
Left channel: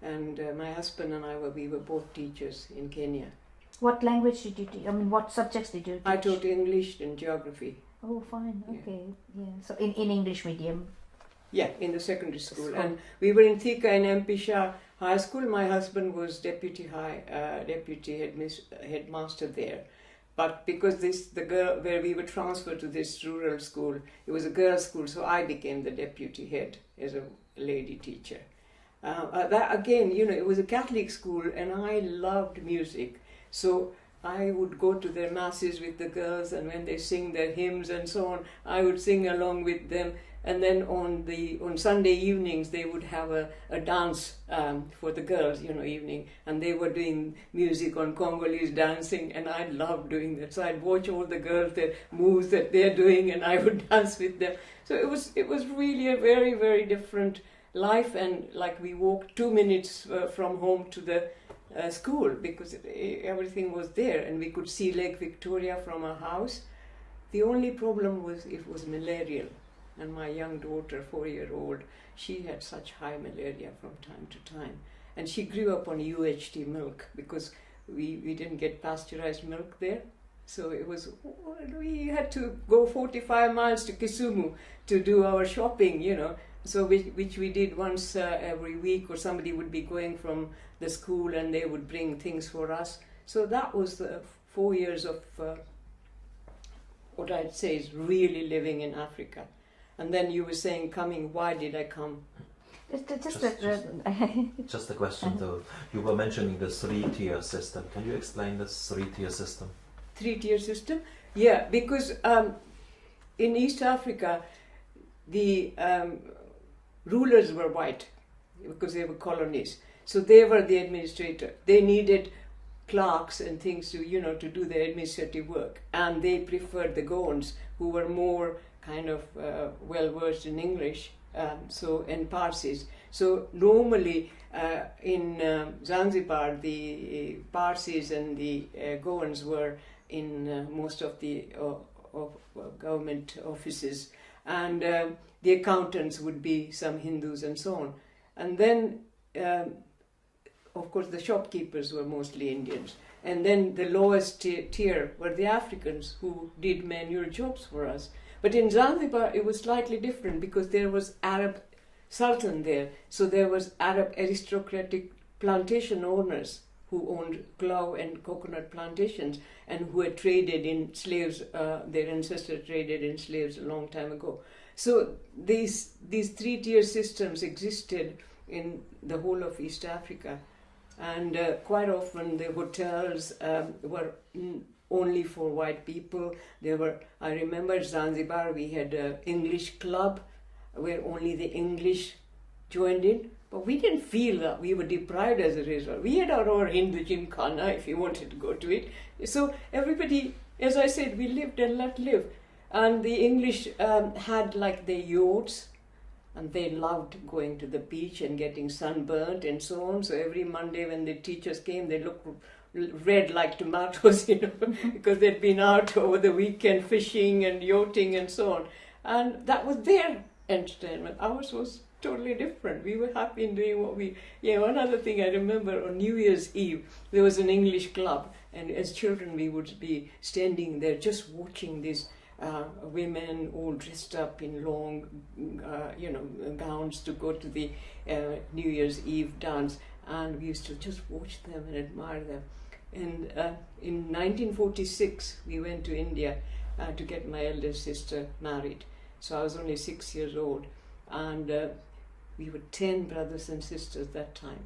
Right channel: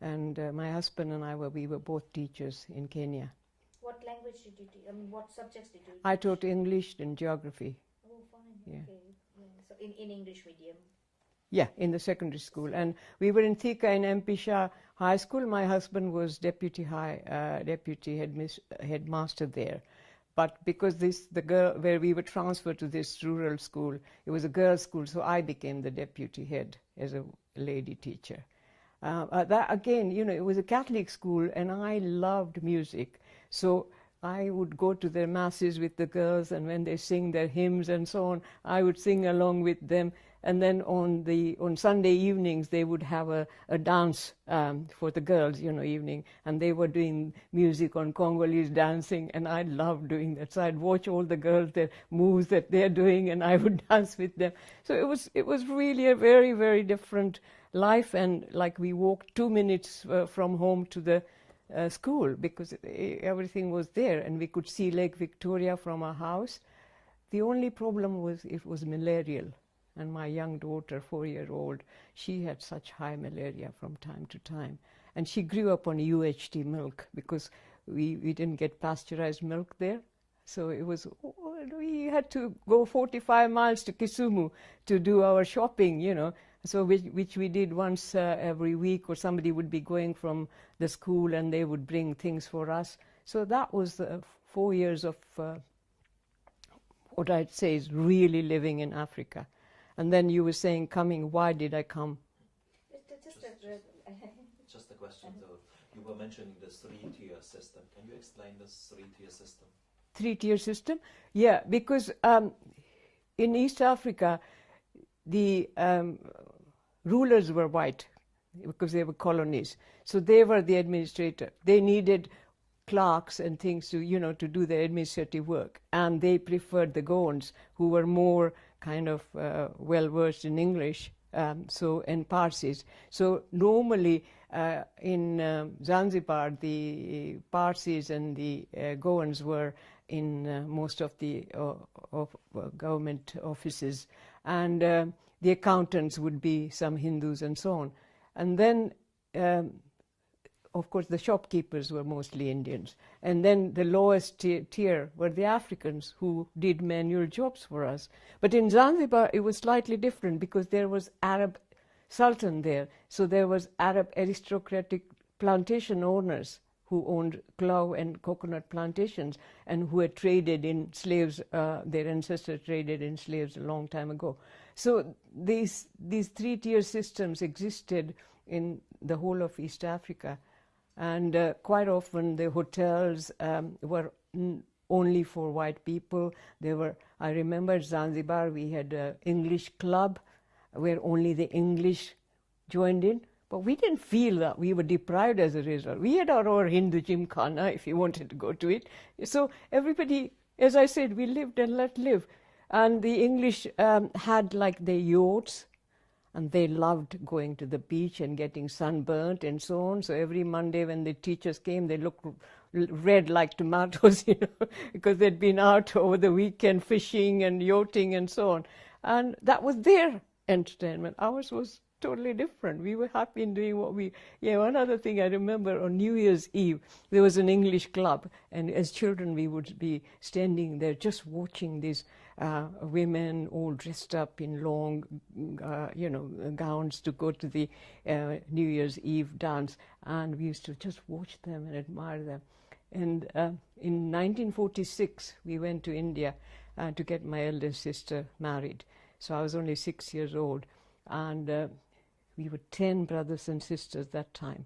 and my husband and we were both teachers in Kenya. What language did you teach? I mean, what subjects did you teach? I taught English and geography. Oh, fine. Okay. Yeah. So in English medium. Yeah, in the secondary school. And we were in Thika in MP Shah High School. My husband was deputy headmaster there. But because the girl where we were transferred to this rural school, it was a girls' school, so I became the deputy head as a lady teacher. That again, it was a Catholic school, and I loved music. So I would go to their masses with the girls, and when they sing their hymns and so on, I would sing along with them. And then on Sunday evenings, they would have a dance for the girls, evening. And they were doing music on Congolese dancing, and I loved doing that. So I'd watch all the girls, their moves that they're doing, and I would dance with them. So it was really a very, very different life. And like we walked 2 minutes from home to the school because everything was there, and we could see Lake Victoria from our house. The only problem was it was malarial. And my young daughter, 4-year-old, she had such high malaria from time to time. And she grew up on UHT milk because we didn't get pasteurized milk there. So we had to go 45 miles to Kisumu to do our shopping, So which we did once every week, or somebody would be going from the school and they would bring things for us. So that was the 4 years of what I'd say is really living in Africa. And then you were saying coming, why did I come? Just a question though. You were mentioning the 3-tier system. Can you explain this 3-tier system? 3-tier system? Yeah, because in East Africa, the rulers were white because they were colonies. So they were the administrator. They needed clerks and things to do the administrative work. And they preferred the Goans, who were more kind of well versed in English, and Parsis. So normally in Zanzibar, the Parsis and the Goans were in most of the government offices, and the accountants would be some Hindus and so on. And then, of course, the shopkeepers were mostly Indians. And then the lowest tier were the Africans who did manual jobs for us. But in Zanzibar, it was slightly different because there was Arab Sultan there. So there was Arab aristocratic plantation owners who owned clove and coconut plantations and who had traded in slaves. Their ancestors traded in slaves a long time ago. So these 3-tier systems existed in the whole of East Africa. And quite often the hotels were only for white people. I remember at Zanzibar we had an English club where only the English joined in, but we didn't feel that we were deprived as a result. We had our own Hindu gymkhana if you wanted to go to it. So everybody, as I said, we lived and let live. And the English had like their yachts, and they loved going to the beach and getting sunburnt and so on. So every Monday when the teachers came, they looked red like tomatoes, because they'd been out over the weekend fishing and yachting and so on. And that was their entertainment. Ours was totally different. We were happy in doing what we... Another thing I remember, on New Year's Eve, there was an English club, and as children we would be standing there just watching these women all dressed up in long, gowns to go to the New Year's Eve dance, and we used to just watch them and admire them. And in 1946, we went to India to get my eldest sister married. So I was only 6 years old, and we were 10 brothers and sisters that time.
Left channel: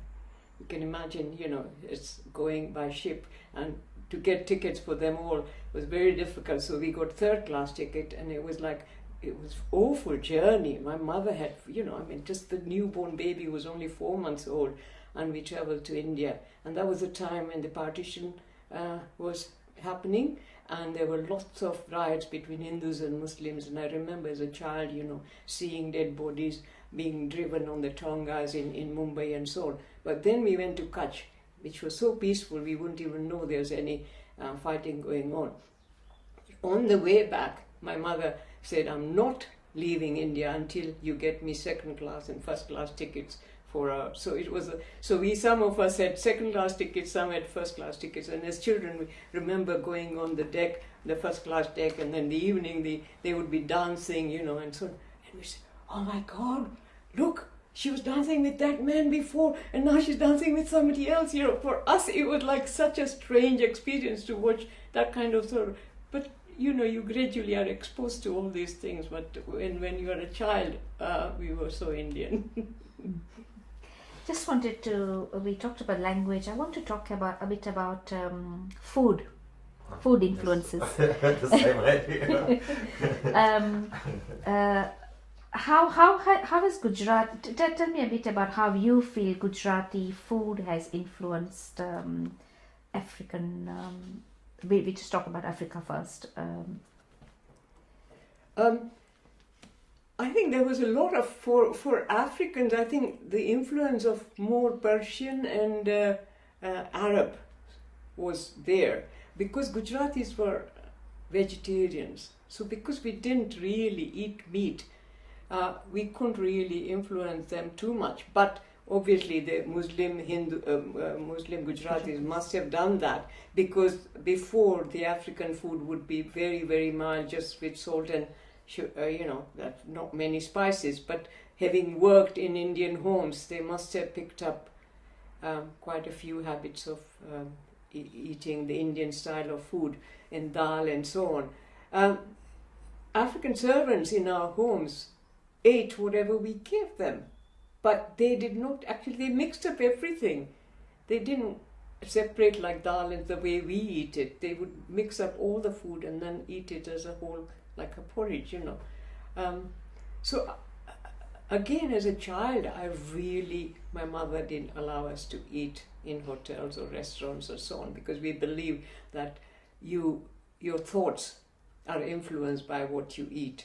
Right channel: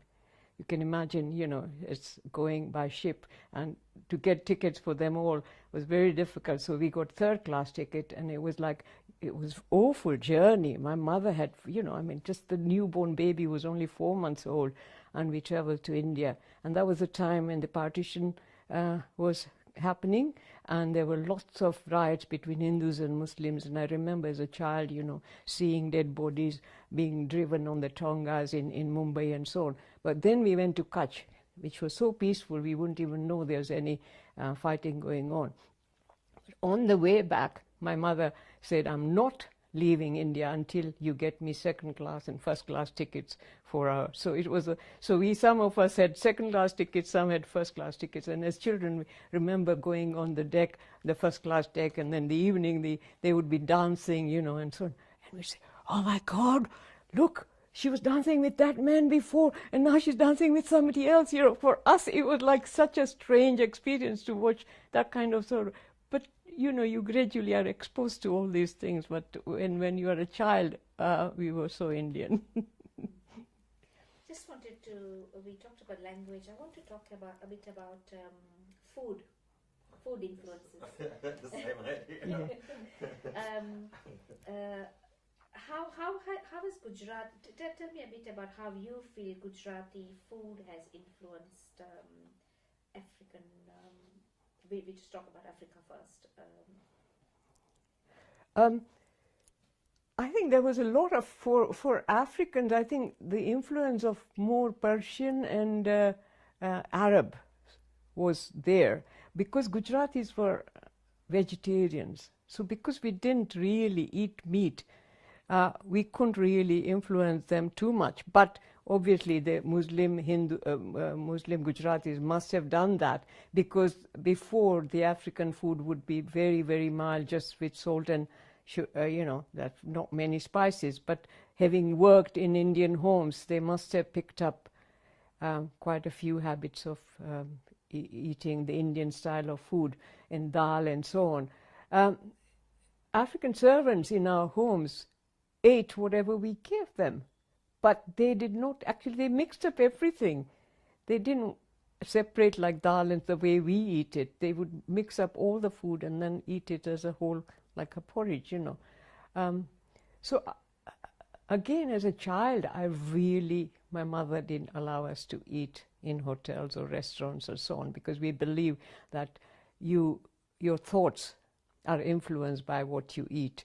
You can imagine, it's going by ship, and to get tickets for them all was very difficult. So we got third-class ticket, and it was awful journey. My mother had, just the newborn baby was only 4 months old, and we traveled to India. And that was the time when the partition was happening, and there were lots of riots between Hindus and Muslims. And I remember as a child, seeing dead bodies being driven on the Tongas in Mumbai and so on. But then we went to Kutch, which was so peaceful we wouldn't even know there was any fighting going on. On the way back, my mother said, I'm not leaving India until you get me second class and first class tickets for our. So it was some of us had second class tickets, some had first class tickets, and as children we remember going on the deck, the first class deck, and then the evening they would be dancing, and so on. And we said, oh my God, look, she was dancing with that man before and now she's dancing with somebody else. For us it was like such a strange experience to watch that kind of sort of, but you gradually are exposed to all these things, but when you are a child, we were so Indian. Just wanted to, we talked about language. I want to talk a bit about food influences. The same idea. How is Gujarat? Tell me a bit about how you feel Gujarati food has influenced African. We just talk about Africa first. I think there was a lot of for Africans. I think the influence of more Persian and Arab was there because Gujaratis were vegetarians. So because we didn't really eat meat, we couldn't really influence them too much. But obviously the Muslim Gujaratis must have done that, because before the African food would be very, very mild, just with salt and that not many spices. But having worked in Indian homes, they must have picked up quite a few habits of eating the Indian style of food and dal and so on. African servants in our homes ate whatever we gave them, but they did not actually, they mixed up everything. They didn't separate like dal and the way we eat it. They would mix up all the food and then eat it as a whole, like a porridge, So again, as a child, my mother didn't allow us to eat in hotels or restaurants or so on, because we believe that your thoughts are influenced by what you eat.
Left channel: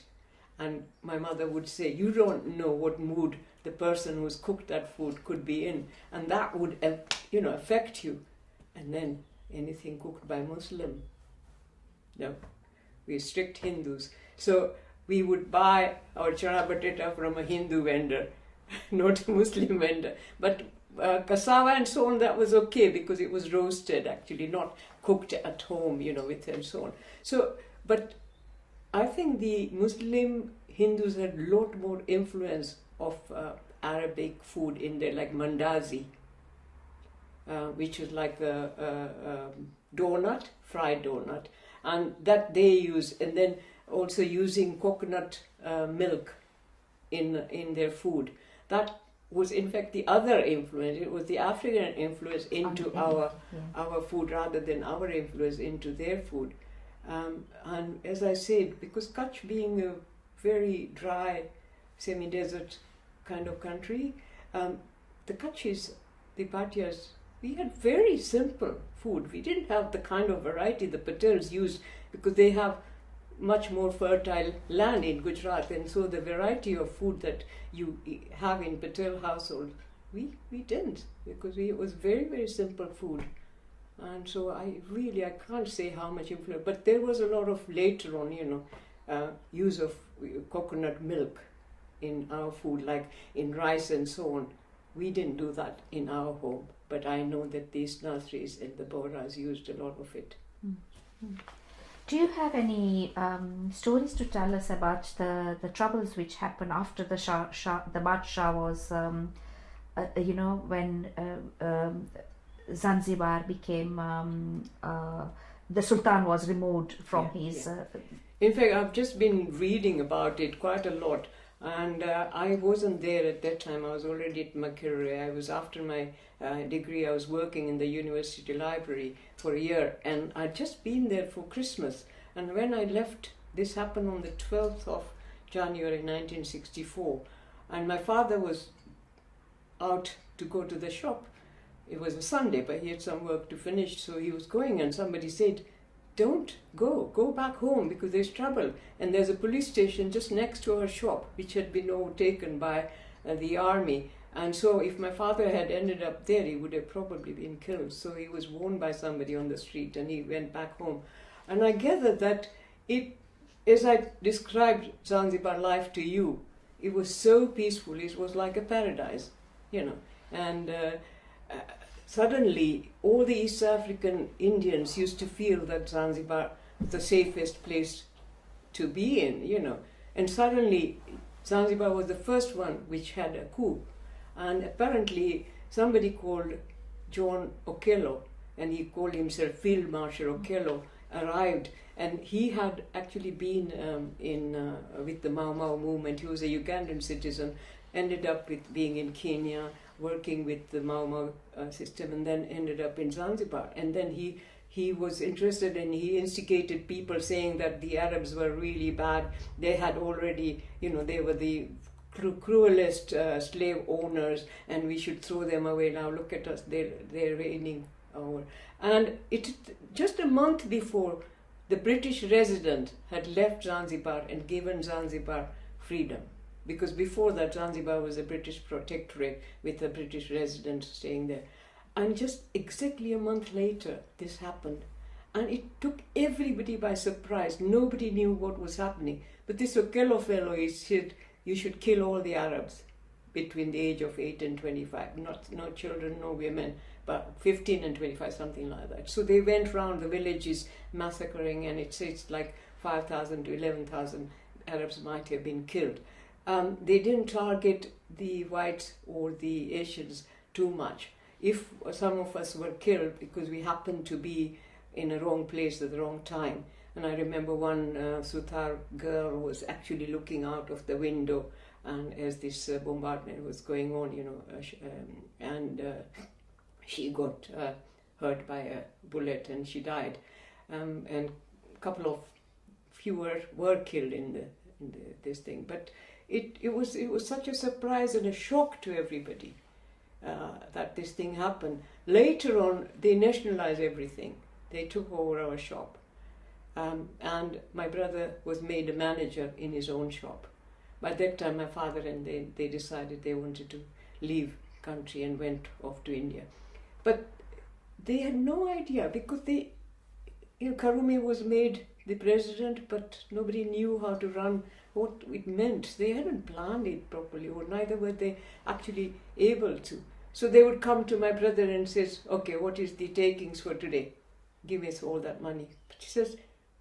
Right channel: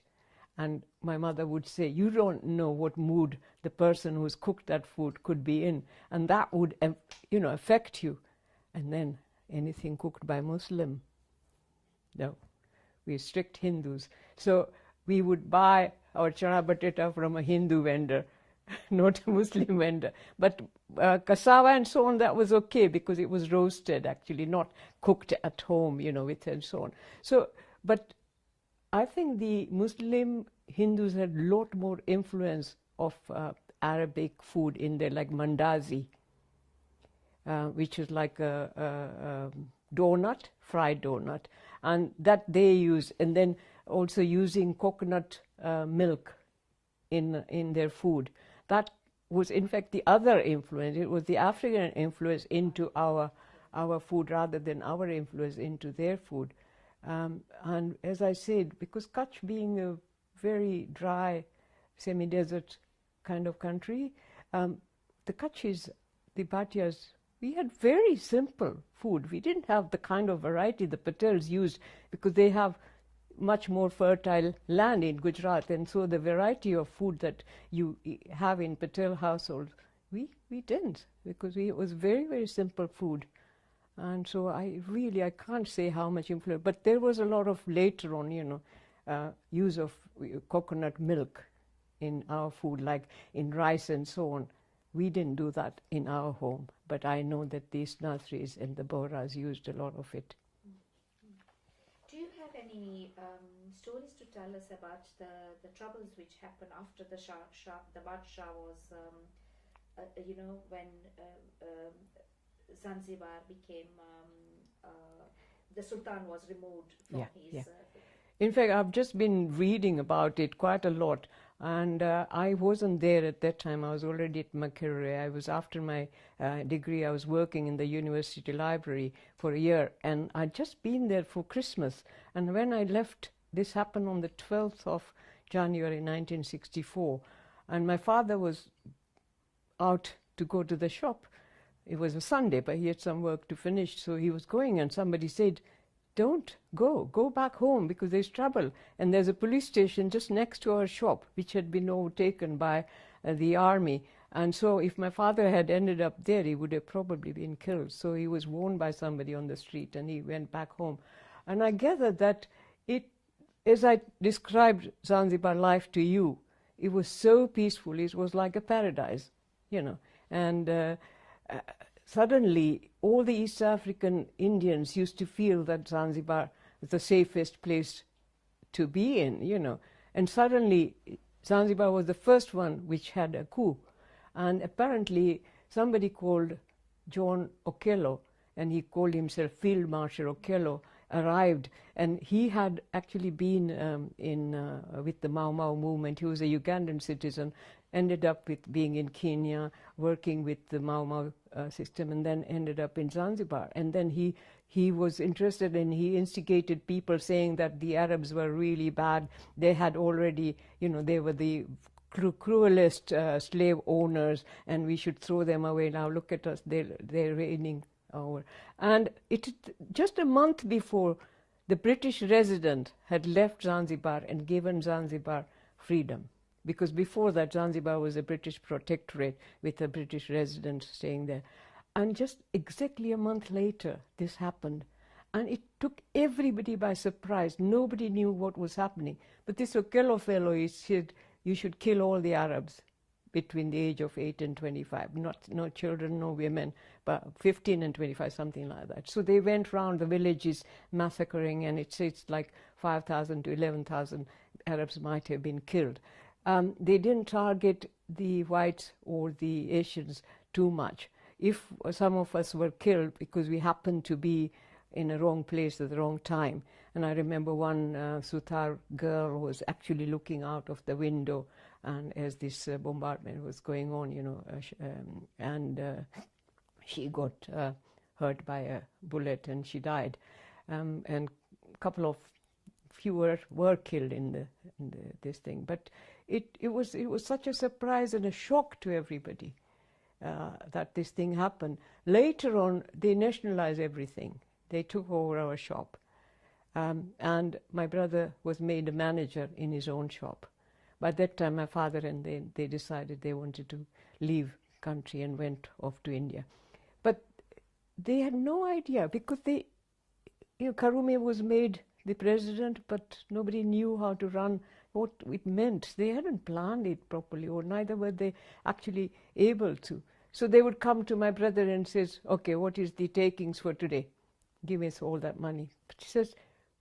And my mother would say, you don't know what mood the person who's cooked that food could be in, and that would affect you. And then anything cooked by Muslim, no, we're strict Hindus, so we would buy our chana batata from a Hindu vendor, not a Muslim vendor. But cassava and so on, that was okay because it was roasted, actually, not cooked at home, with and so on. So, but I think the Muslim Hindus had a lot more influence of Arabic food in there, like mandazi, which is like a donut, fried donut, and that they use, and then also using coconut milk in their food. That was in fact the other influence. It was the African influence into our food rather than our influence into their food. And as I said, because Kutch being a very dry, semi-desert kind of country, the Kutchis, the Bhadras, we had very simple food. We didn't have the kind of variety the Patels used, because they have much more fertile land in Gujarat, and so the variety of food that you have in Patel household, we didn't, because it was very, very simple food. And so I can't say how much influence, but there was a lot of later on, use of coconut milk in our food, like in rice and so on. We didn't do that in our home, but I know that these Nazris and the Bhadras used a lot of it. Mm-hmm. Do you have any stories to tell us about the troubles which happened after the Badshah was, when Zanzibar became, the Sultan was removed from his... In fact, I've just been reading about it quite a lot, and I wasn't there at that time. I was already at my career. I was after my degree. I was working in the university library for a year, and I'd just been there for Christmas. And when I left, this happened on the 12th of January 1964, and my father was out to go to the shop, it was a Sunday, but he had some work to finish, so he was going, and somebody said, "Don't go back home because there's trouble." And there's a police station just next to our shop, which had been overtaken by the army. And so if my father had ended up there, he would have probably been killed. So he was warned by somebody on the street, and he went back home. And I gather that as I described Zanzibar life to you, it was so peaceful. It was like a paradise, And suddenly, all the East African Indians used to feel that Zanzibar was the safest place to be in, And suddenly, Zanzibar was the first one which had a coup. And apparently, somebody called John Okello, and he called himself Field Marshal Okello, arrived. And he had actually been with the Mau Mau movement. He was a Ugandan citizen, ended up being in Kenya, working with the Mau Mau system, and then ended up in Zanzibar. And then he was interested, and he instigated people saying that the Arabs were really bad. They had already, they were the cruelest slave owners, and we should throw them away. Now look at us, they're reigning over. And it just a month before, the British resident had left Zanzibar and given Zanzibar freedom. Because before that, Zanzibar was a British protectorate with a British resident staying there. And just exactly a month later, this happened. And it took everybody by surprise. Nobody knew what was happening. But this Okello fellow, he said, you should kill all the Arabs between the age of 8 and 25. Not children, no women, but 15 and 25, something like that. So they went round the villages massacring, and it's like 5,000 to 11,000 Arabs might have been killed. They didn't target the whites or the Asians too much. If some of us were killed because we happened to be in a wrong place at the wrong time. And I remember one Sutar girl was actually looking out of the window, and as this bombardment was going on, and she got hurt by a bullet and she died. And a couple of fewer were killed in this thing. But it was such a surprise and a shock to everybody that this thing happened. Later on, they nationalized everything. They took over our shop. And my brother was made a manager in his own shop. By that time, my father and they decided they wanted to leave country and went off to India. But they had no idea, because Karume was made the president, but nobody knew how to run, what it meant. They hadn't planned it properly, or neither were they actually able to. So they would come to my brother and says, "Okay, what is the takings for today? Give us all that money." But he says,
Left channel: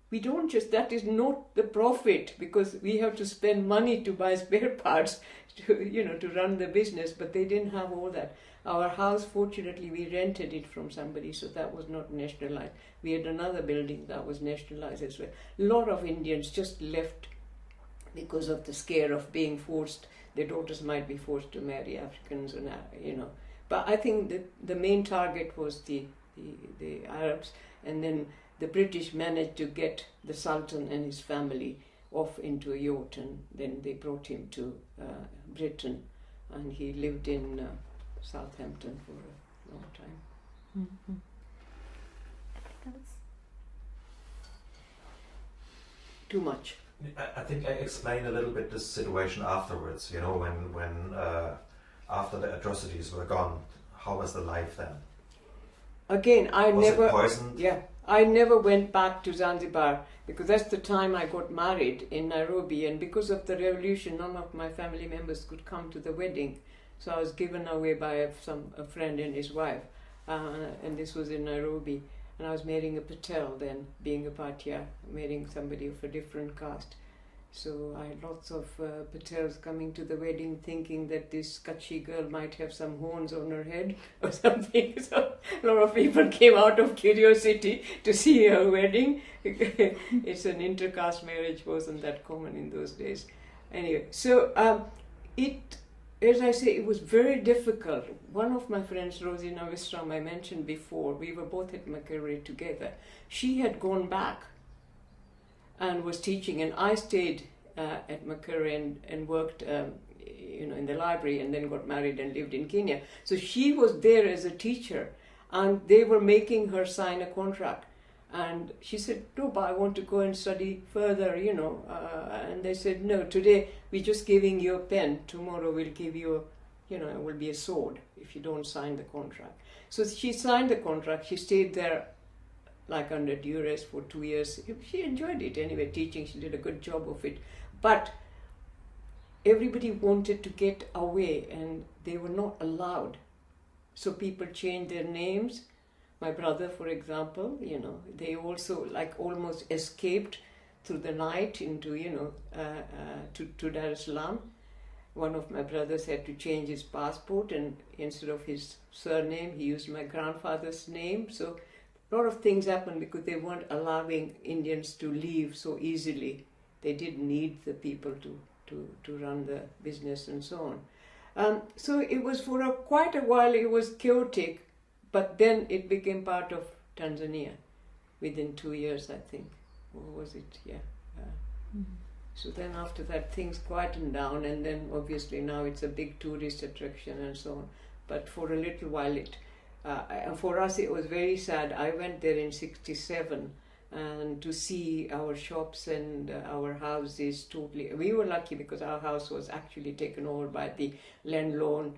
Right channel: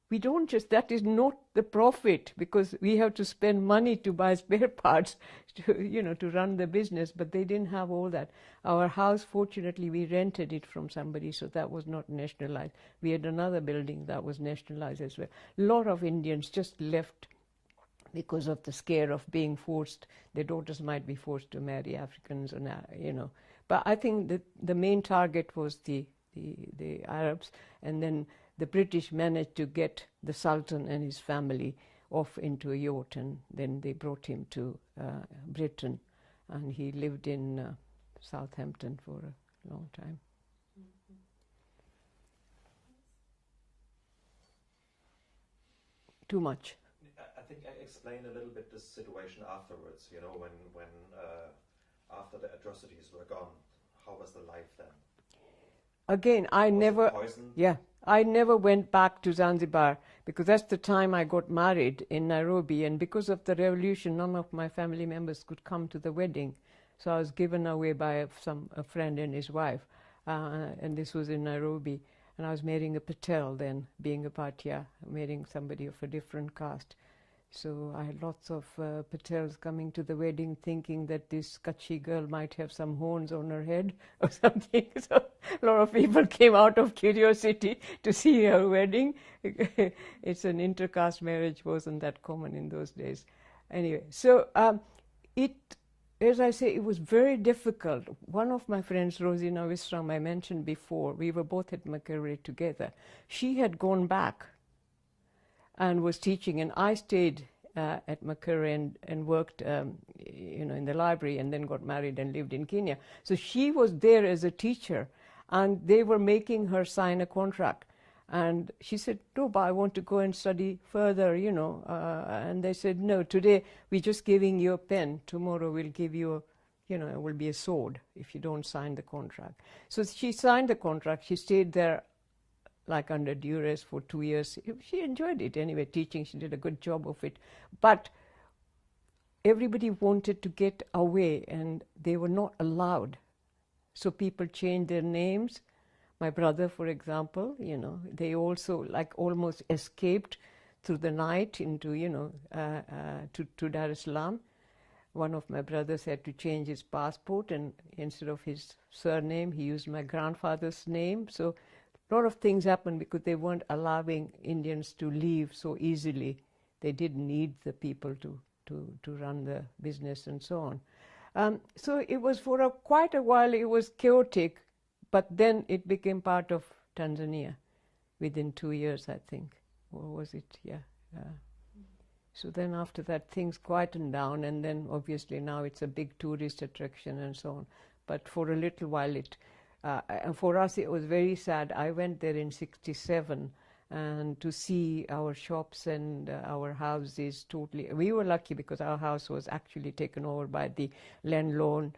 "We don't that is not the profit, because we have to spend money to buy spare parts to run the business." But they didn't have all that. Our house, fortunately, we rented it from somebody, so that was not nationalized. We had another building that was nationalized as well. A lot of Indians just left because of the scare of being forced. Their daughters might be forced to marry Africans, But I think that the main target was the Arabs, and then the British managed to get the Sultan and his family off into a yacht, and then they brought him to Britain, and he lived in Southampton for a long time. Mm-hmm. Too much. I think I explained a little bit this situation afterwards, when after the atrocities were gone, how was the life then? Again, Was it poisoned? Yeah, I never went back to Zanzibar, because that's the time I got married in Nairobi, and because of the revolution, none of my family members could come to the wedding. So I was given away by a friend and his wife, and this was in Nairobi. And I was marrying a Patel then, being a Bhatia, marrying somebody of a different caste. So I had lots of Patels coming to the wedding, thinking that this Kutchi girl might have some horns on her head or something. So a lot of people came out of curiosity to see her wedding. It's an intercaste marriage, wasn't that common in those days. Anyway, so as I say, it was very difficult. One of my friends, Rosina Visram, I mentioned before, we were both at Makerere together. She had gone back and was teaching, and I stayed at Macquarie and worked, in the library, and then got married and lived in Kenya. So she was there as a teacher, and they were making her sign a contract. And she said, "No, but I want to go and study further, and they said, "No, today we're just giving you a pen. Tomorrow we'll give you, it will be a sword if you don't sign the contract." So she signed the contract. She stayed there like under duress for 2 years. She enjoyed it anyway, teaching. She did a good job of it. But everybody wanted to get away, and they were not allowed. So people changed their names. My brother, for example, they also almost escaped through the night into, to Dar es Salaam. One of my brothers had to change his passport, and instead of his surname, he used my grandfather's name. So a lot of things happened because they weren't allowing Indians to leave so easily. They did need the people to run the business and so on. So it was for quite a while, it was chaotic. But then it became part of Tanzania within 2 years, I think. Or was it? Yeah. So then after that, things quietened down, and then obviously now it's a big tourist attraction and so on. But for a little while, for us, it was very sad. I went there in '67, and to see our shops and our houses totally. We were lucky because our house was actually taken over by the landlord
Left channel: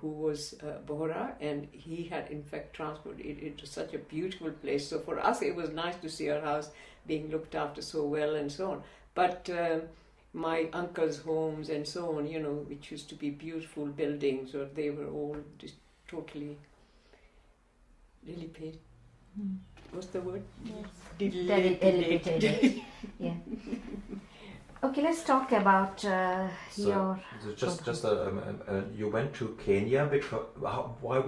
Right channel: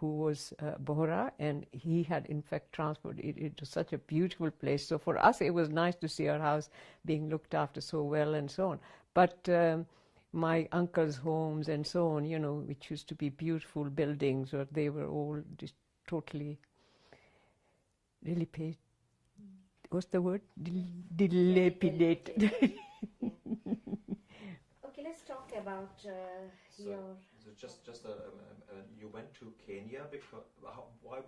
who was Bohra, and he had in fact transported it to such a beautiful place. So for us it was nice to see our house being looked after so well and so on. But my uncle's homes and so on, which used to be beautiful buildings, or they were all just totally what's the word? Dilapidated. Yeah. Okay, let's talk about you went to Kenya because why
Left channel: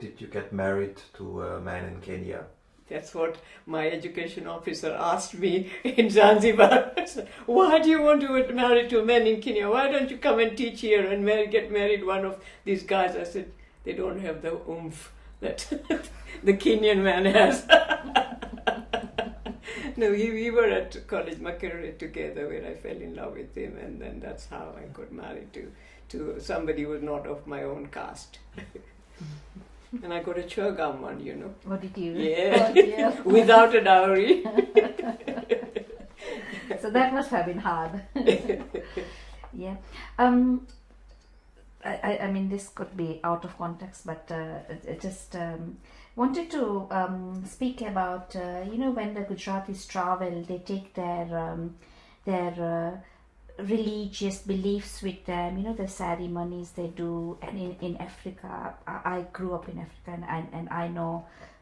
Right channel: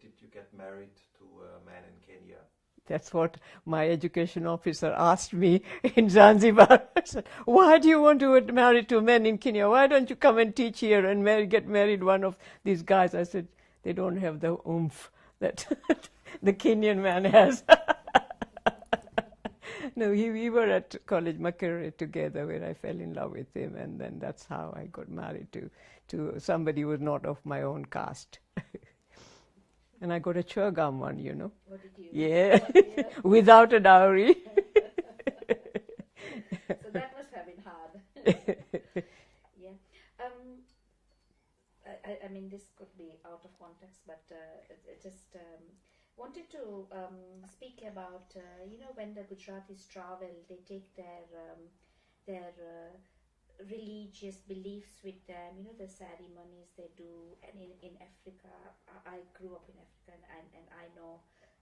did you get married to a man in Kenya? That's what my education officer asked me in Zanzibar. I said, "Why do you want to get married to a man in Kenya? Why don't you come and teach here and get married one of these guys?" I said, "They don't have the oomph that the Kenyan man has." No, we were at College Macquarie together, where I fell in love with him, and then that's how I got married to somebody who was not of my own caste. And I got a Churgam one, What did you? Yeah, Oh, yeah. without a dowry. So that must have been hard. Yeah. I mean, this could be out of context, but just wanted to speak about, when the Gujaratis travel, they take their religious beliefs with them, the ceremonies they do. And in Africa, I grew up in Africa, and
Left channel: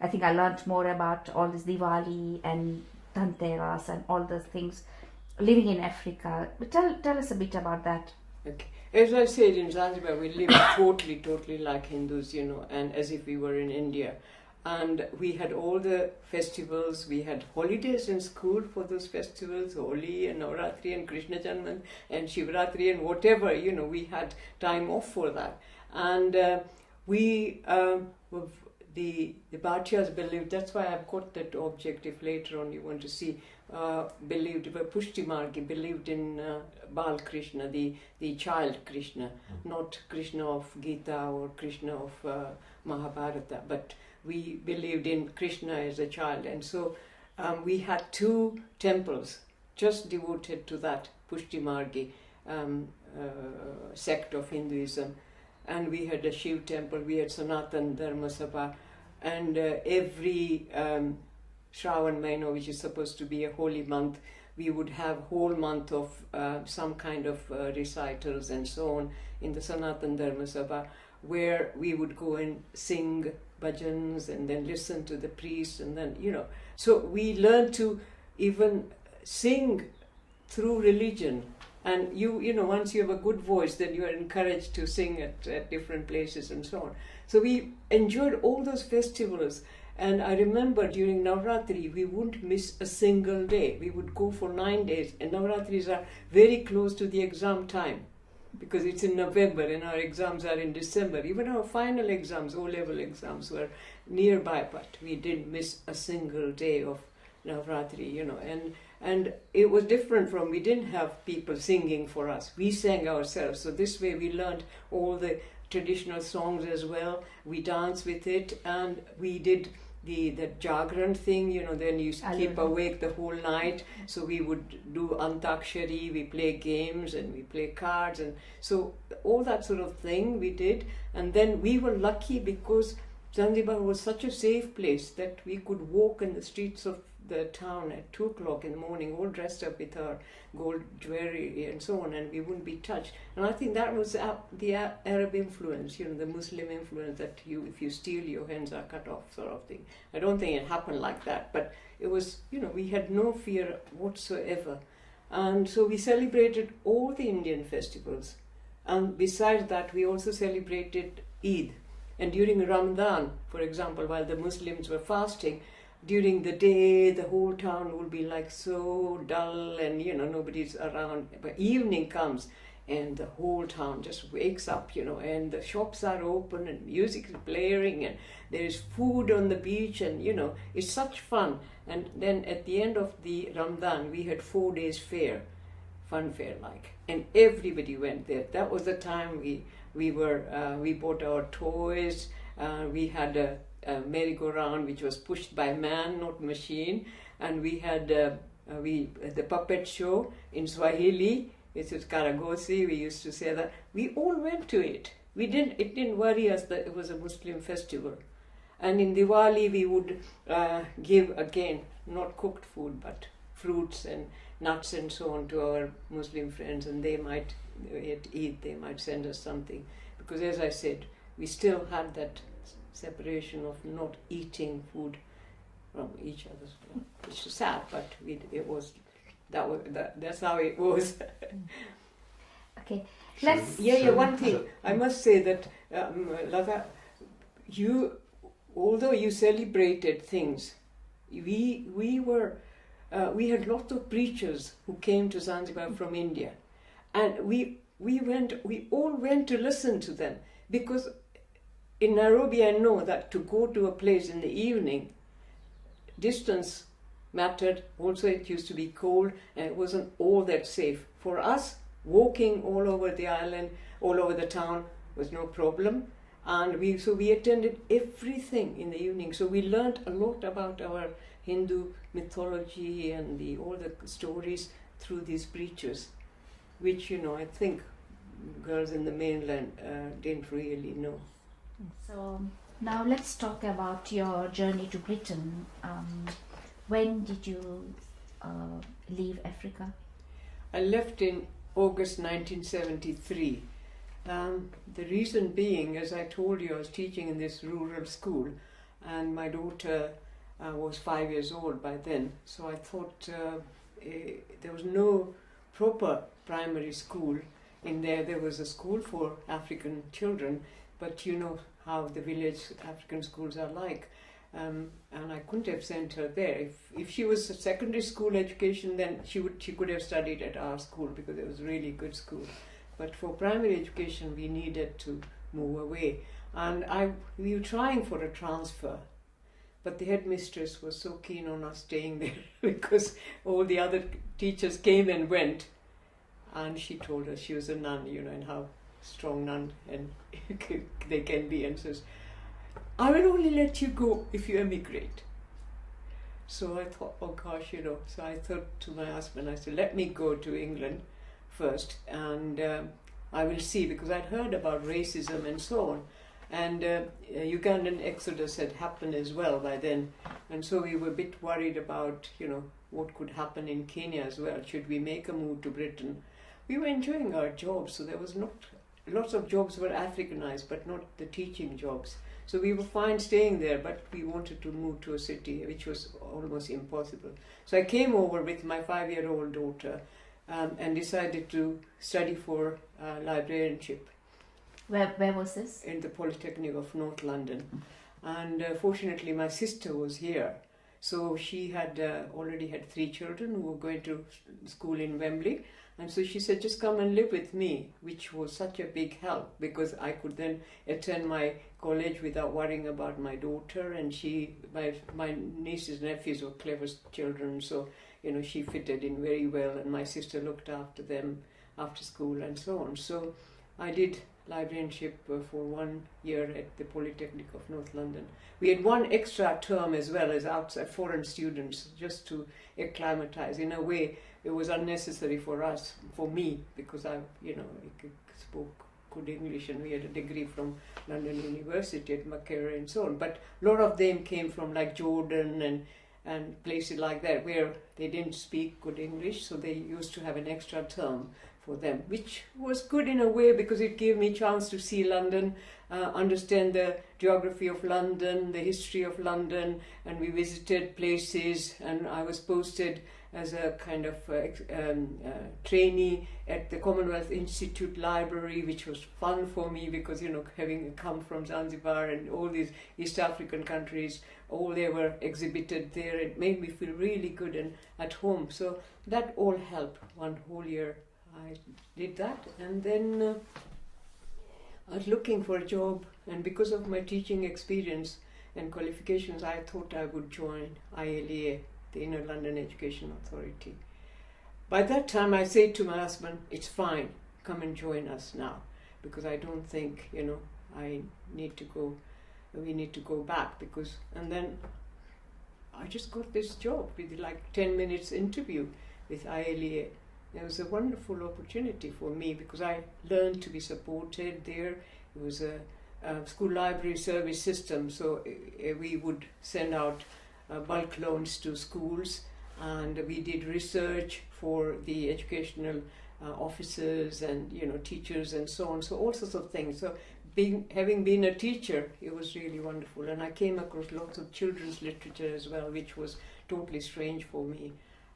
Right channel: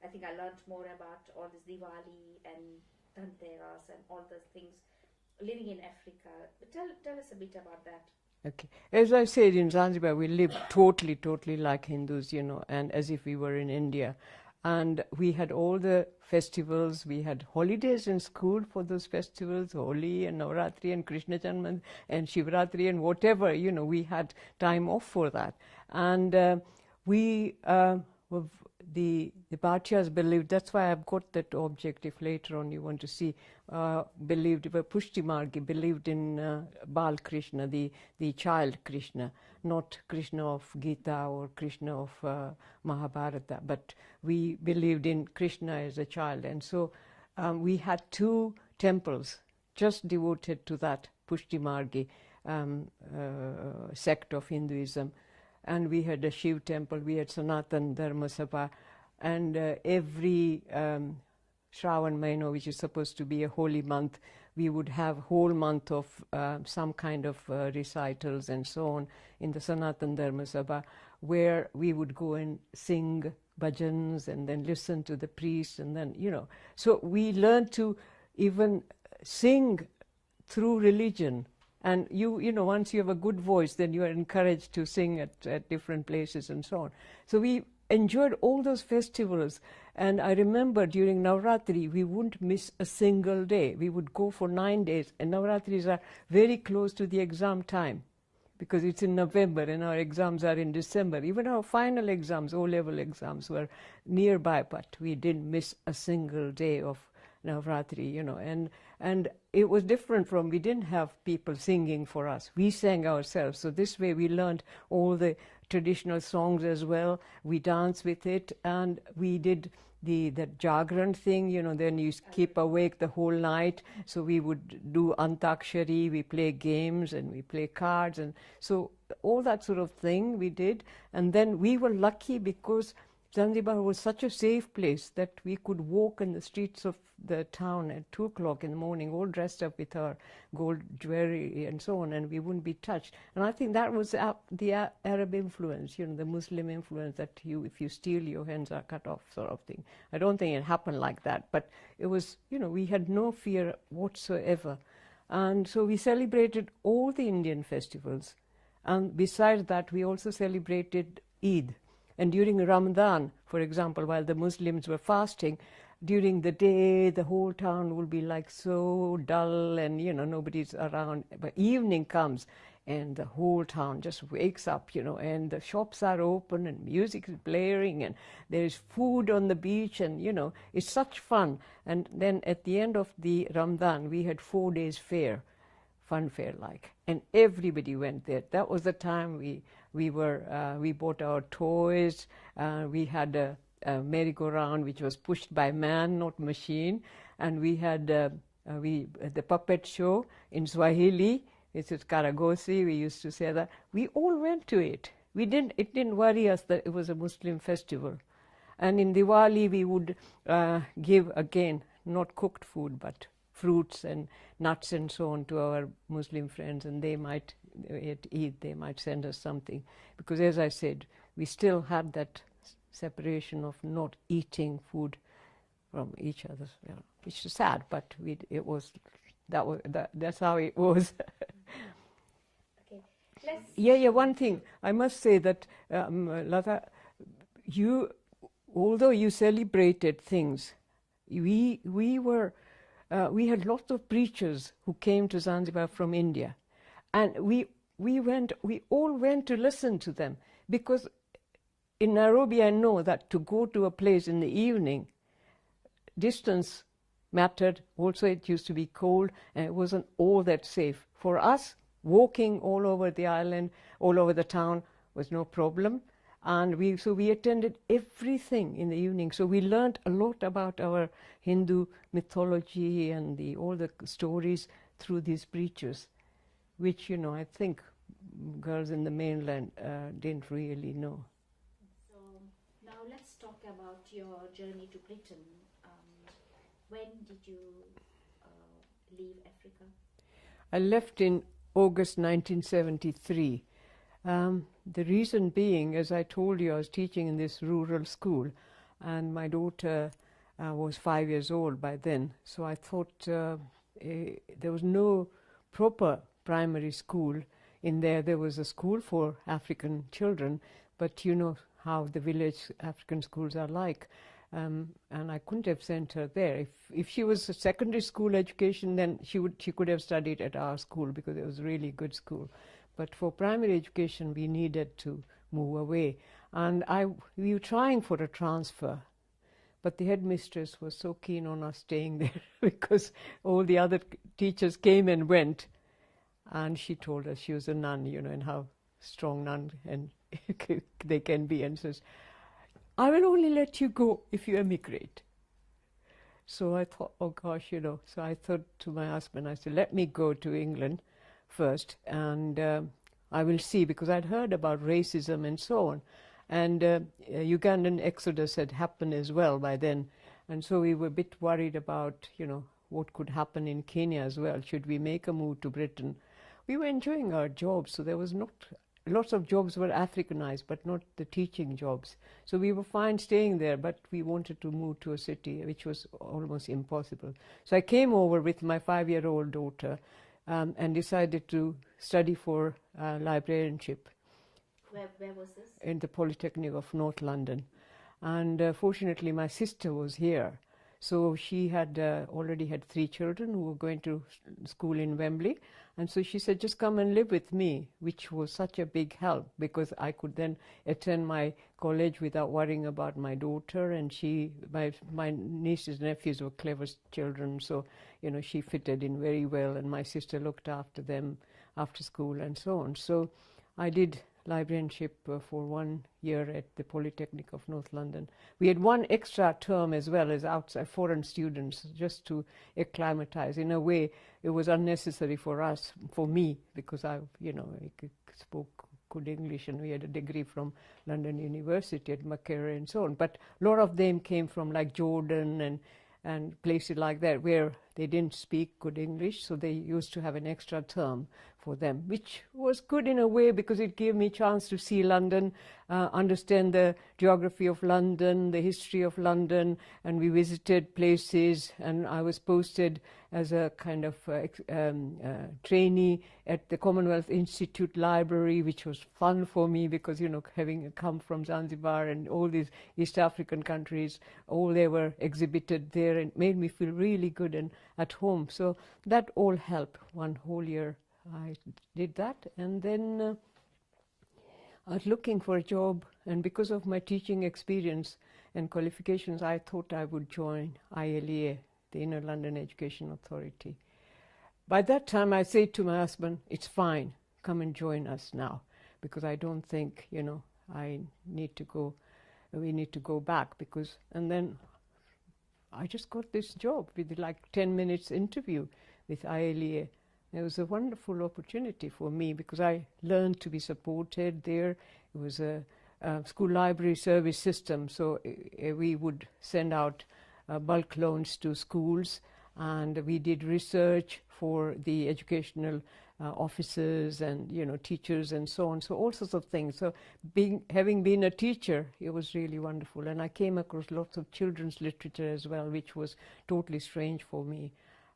I think I learned more about all this Diwali and Dhanteras and all those things living in Africa. But tell us a bit about that. Okay. As I said, in Zanzibar, we live totally like Hindus, and as if we were in India. And we had all the festivals. We had holidays in school for those festivals, Holi and Navratri and Krishna Janman and Shivratri and whatever, we had time off for that. And the Bhadras believed, that's why I've got that object, if later on you want to see, Pushti Margi believed in Bal Krishna, the child Krishna, not Krishna of Gita or Krishna of Mahabharata, but we believed in Krishna as a child. And so we had 2 temples just devoted to that Pushti Margi sect of Hinduism. And we had a Shiv temple, we had Sanatan Dharma Sabha, and every Shravan Mahina, which is supposed to be a holy month, we would have whole month of some kind of recitals and so on in the Sanatan Dharma Sabha, where we would go and sing bhajans and then listen to the priest, and then, So we learned to even sing through religion. And once you have a good voice, then you are encouraged to sing at different places and so on. So we enjoyed all those festivals. And I remember during Navratri, we wouldn't miss a single day. We would go for 9 days. And Navratris are very close to the exam time, because it's in November and our exams are in December. Even our final exams, O-level exams, were nearby, but we didn't miss a single day of Navratri, And it was different from, we didn't have people singing for us. We sang ourselves. So this way we learned all the traditional songs as well. We danced with it, and we did the Jagran thing, then you keep awake the whole night. So we would do Antakshari, we play games and we play cards, and so all that sort of thing we did. And then we were lucky because Zanzibar was such a safe place that we could walk in the streets of the town at 2 o'clock in the morning, all dressed up with our gold jewelry and so on, and we wouldn't be touched. And I think that was the Arab influence, the Muslim influence, that if you steal, your hands are cut off, sort of thing. I don't think it happened like that, but it was, we had no fear whatsoever. And so we celebrated all the Indian festivals. And besides that, we also celebrated Eid. And during Ramadan, for example, while the Muslims were fasting, during the day, the whole town will be like so dull and, nobody's around. But evening comes and the whole town just wakes up, and the shops are open and music is blaring and there's food on the beach and, it's such fun. And then at the end of the Ramadan, we had 4 days fair, fun fair like, and everybody went there. That was the time we bought our toys, we had a merry-go-round which was pushed by man, not machine, and we had the puppet show in Swahili. It was Karagosi, we used to say that. We all went to it. It didn't worry us that it was a Muslim festival. And in Diwali we would give, again, not cooked food, but fruits and nuts and so on to our Muslim friends, and they might eat, they might send us something. Because as I said, we still had that separation of not eating food from each other, which is sad, but that's how it was. Okay, one thing I must say that Lata, although you celebrated things, we had lots of preachers who came to Zanzibar from India, and we all went to listen to them, because in Nairobi I know that to go to a place in the evening, distance mattered. Also, it used to be cold and it wasn't all that safe. For us, walking all over the island, all over the town was no problem. And we attended everything in the evening. So we learned a lot about our Hindu mythology and all the stories through these preachers, which, I think girls in the mainland didn't really know. So now let's talk about your journey to Britain. When did you leave Africa? I left in August 1973. The reason being, as I told you, I was teaching in this rural school, and my daughter was 5 years old by then. So I thought there was no proper primary school in there. There was a school for African children, but you know how the village African schools are like. And I couldn't have sent her there. If she was a secondary school education, then she could have studied at our school, because it was a really good school. But for primary education, we needed to move away. And we were trying for a transfer, but the headmistress was so keen on us staying there because all the other teachers came and went. And she told us, she was a nun, and how strong nun and they can be, and says, I will only let you go if you emigrate. So I thought, oh gosh, so I thought to my husband, I said, let me go to England first, and I will see, because I'd heard about racism and so on. And Ugandan exodus had happened as well by then. And so we were a bit worried about, what could happen in Kenya as well. Should we make a move to Britain? We were enjoying our jobs, so there was lots of jobs were Africanized, but not the teaching jobs. So we were fine staying there, but we wanted to move to a city, which was almost impossible. So I came over with my 5-year-old daughter and decided to study for librarianship. Where was this? In the Polytechnic of North London. And fortunately, my sister was here. So she had already had 3 children who were going to school in Wembley. And so she said, just come and live with me, which was such a big help, because I could then attend my college without worrying about my daughter. And my nieces and nephews were clever children, so she fitted in very well, and my sister looked after them after school and so on. So I did librarianship for 1 year at the Polytechnic of North London. We had one extra term as well as outside foreign students, just to acclimatize. In a way, it was unnecessary for me, because I spoke good English, and we had a degree from London University at Makerere and so on. But a lot of them came from like Jordan and places like that where they didn't speak good English, so they used to have an extra term for them, which was good in a way because it gave me a chance to see London, understand the geography of London, the history of London, and we visited places, and I was posted as a kind of trainee at the Commonwealth Institute Library, which was fun for me because, having come from Zanzibar and all these East African countries, all they were exhibited there, it made me feel really good and at home. So that all helped. 1 whole year I did that, and then I was looking for a job, and because of my teaching experience and qualifications, I thought I would join ILEA, the Inner London Education Authority. By that time, I said to my husband, "It's fine, come and join us now, because I don't think, I need to go, we need to go back," and then I just got this job with like 10 minutes interview with ILEA. It was a wonderful opportunity for me because I learned to be supported there. It was a school library service system, so we would send out bulk loans to schools, and we did research for the educational officers and teachers and so on, so all sorts of things. So having been a teacher, it was really wonderful, and I came across lots of children's literature as well, which was totally strange for me.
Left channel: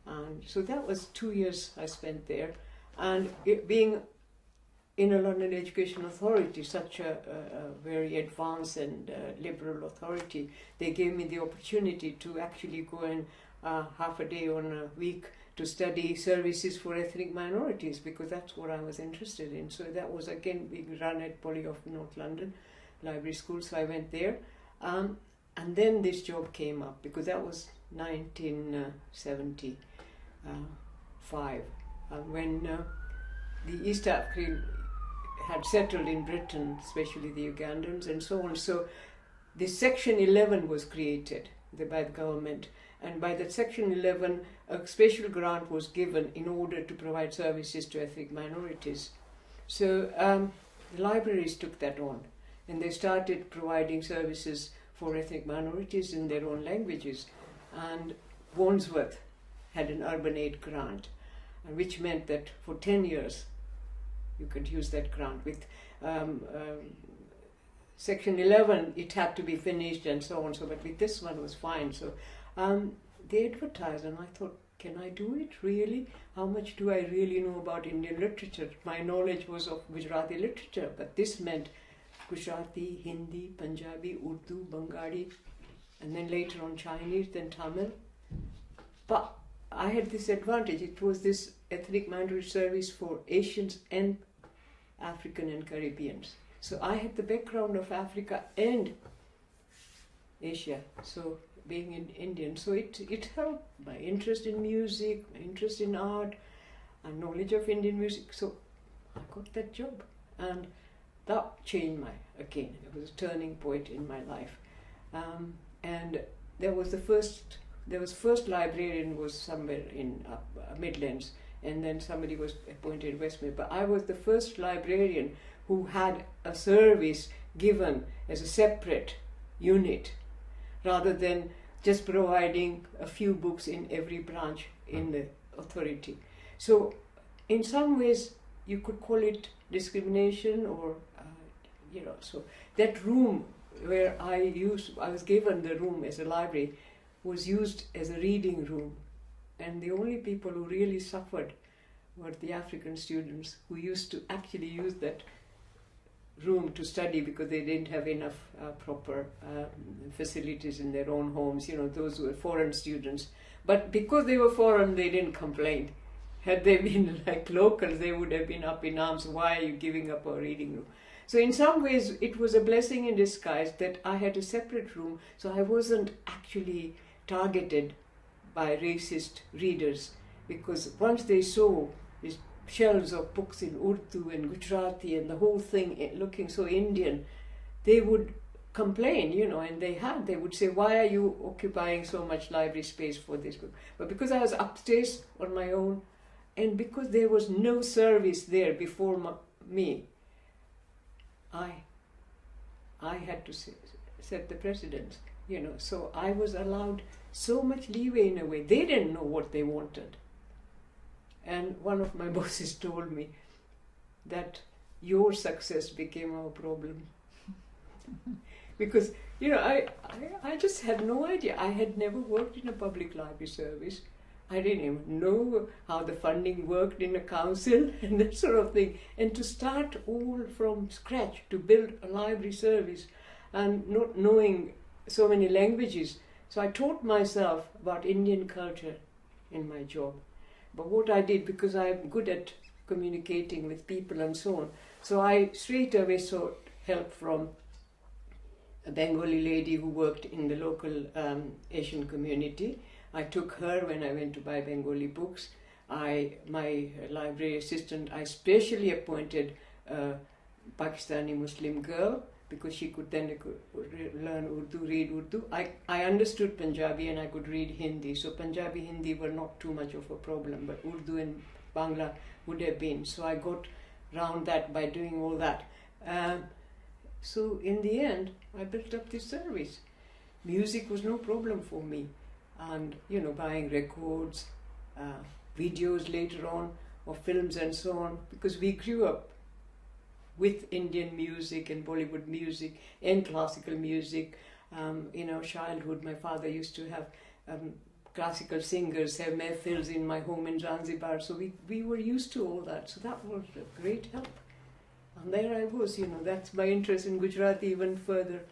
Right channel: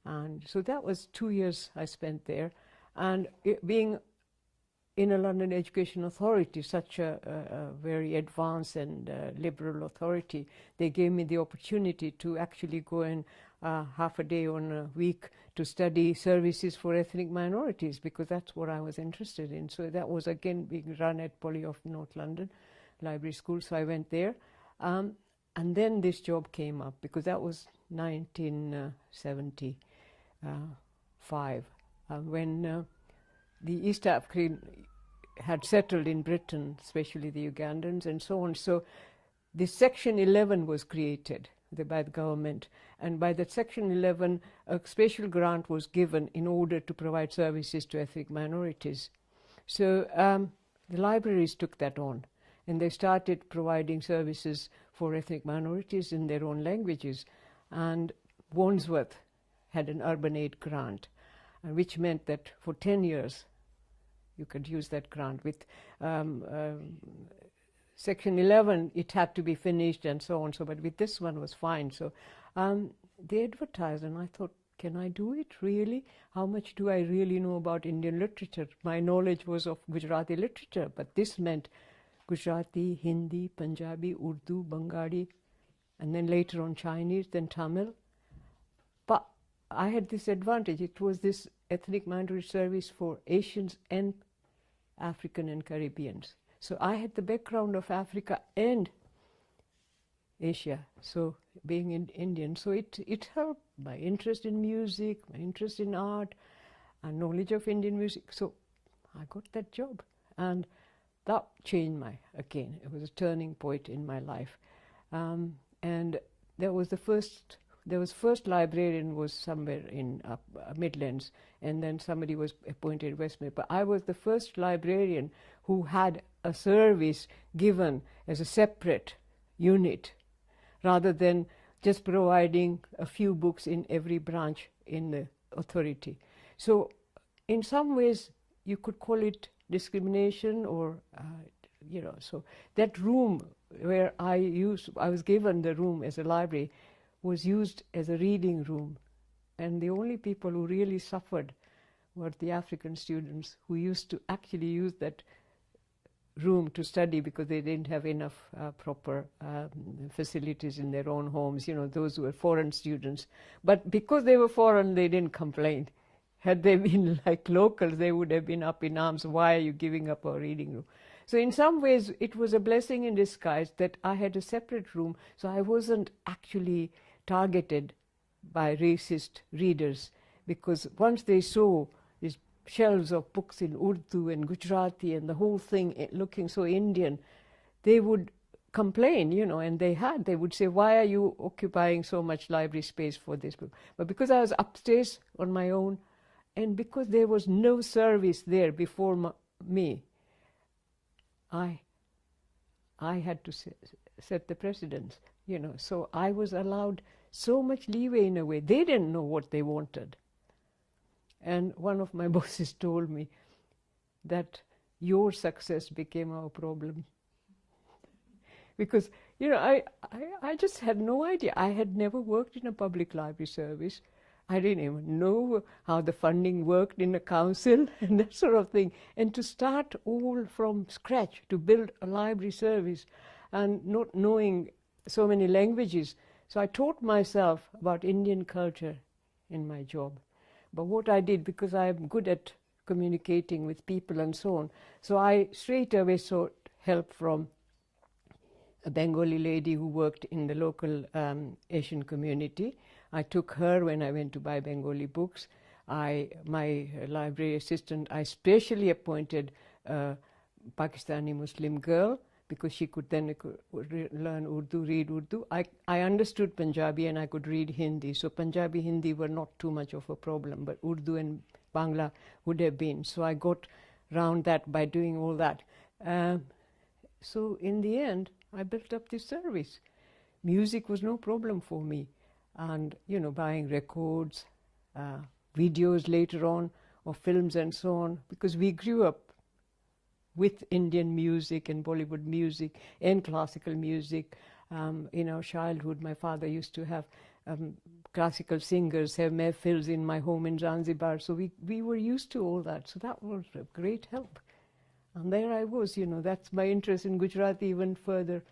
And so that was 2 years I spent there, and being in a London Education Authority, such a very advanced and liberal authority, they gave me the opportunity to actually go in half a day on a week to study services for ethnic minorities, because that's what I was interested in. So that was again being run at Poly of North London Library School, so I went there. And then this job came up, because that was 1975, when the East African had settled in Britain, especially the Ugandans and so on. So this Section 11 was created by the government, and by that Section 11 a special grant was given in order to provide services to ethnic minorities. So the libraries took that on, and they started providing services for ethnic minorities in their own languages. And Wandsworth had an Urban Aid grant, which meant that for 10 years you could use that grant. With Section 11, it had to be finished and so on. So, but with this one was fine. So they advertised, and I thought, can I do it really? How much do I really know about Indian literature? My knowledge was of Gujarati literature, but this meant Gujarati, Hindi, Punjabi, Urdu, Bengali, and then later on Chinese, then Tamil. But I had this advantage. It was this ethnic minority service for Asians and African and Caribbeans. So I had the background of Africa and Asia, so being an Indian. So it helped my interest in music, my interest in art, and knowledge of Indian music. So I got that job, and that changed it was a turning point in my life. And there was first librarian was somewhere in Midlands, and then somebody was appointed Westmead. But I was the first librarian who had a service given as a separate unit, rather than just providing a few books in every branch in the authority. So in some ways you could call it discrimination, or so that room where I was given the room as a library was used as a reading room, and the only people who really suffered were the African students, who used to actually use that room to study because they didn't have enough proper facilities in their own homes, those who were foreign students. But because they were foreign, they didn't complain. Had they been like locals, they would have been up in arms. Why are you giving up our reading room? So in some ways, it was a blessing in disguise that I had a separate room, so I wasn't actually targeted by racist readers, because once they saw these shelves of books in Urdu and Gujarati and the whole thing looking so Indian, they would complain, and they would say, why are you occupying so much library space for this book? But because I was upstairs on my own, and because there was no service there before me, I had to set the precedence, so I was allowed so much leeway in a way. They didn't know what they wanted. And one of my bosses told me that your success became our problem. Because, I just had no idea. I had never worked in a public library service. I didn't even know how the funding worked in a council and that sort of thing. And to start all from scratch, to build a library service and not knowing so many languages. So I taught myself about Indian culture in my job. But what I did, because I'm good at communicating with people and so on, so I straight away sought help from a Bengali lady who worked in the local Asian community. I took her when I went to buy Bengali books. My library assistant, I specially appointed a Pakistani Muslim girl because she could then learn Urdu, read Urdu. I understood Punjabi and I could read Hindi. So Punjabi, Hindi were not too much of a problem, but Urdu and Bangla would have been. So I got round that by doing all that. So in the end, I built up this service. Music was no problem for me. And, buying records, videos later on, of films and so on, because we grew up with Indian music and Bollywood music and classical music. In our childhood, my father used to have classical singers have mehfils in my home in Zanzibar, so we were used to all that. So that was a great help. And there I was, that's my interest in Gujarati even further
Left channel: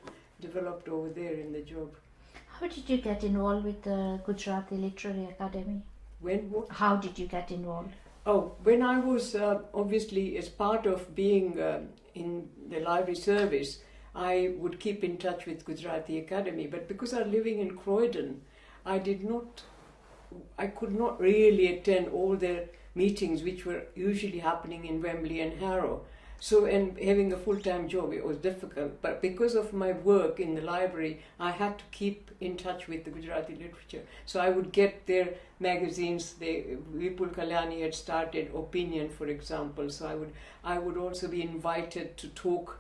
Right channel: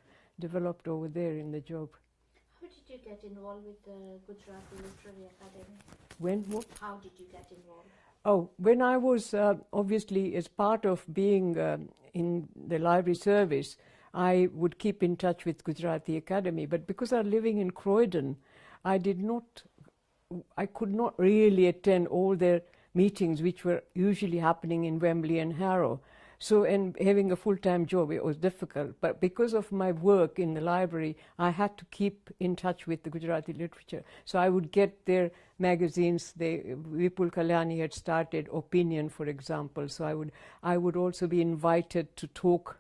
developed over there in the job. How did you get involved with the Gujarati Literary Academy? How did you get involved? Oh, when I was, obviously, as part of being in the library service, I would keep in touch with Gujarati Academy. But because I was living in Croydon, I could not really attend all their meetings, which were usually happening in Wembley and Harrow. So, and having a full-time job, it was difficult. But because of my work in the library, I had to keep in touch with the Gujarati literature. So I would get their magazines. Vipul Kalyani had started Opinion, for example. So I would also be invited to talk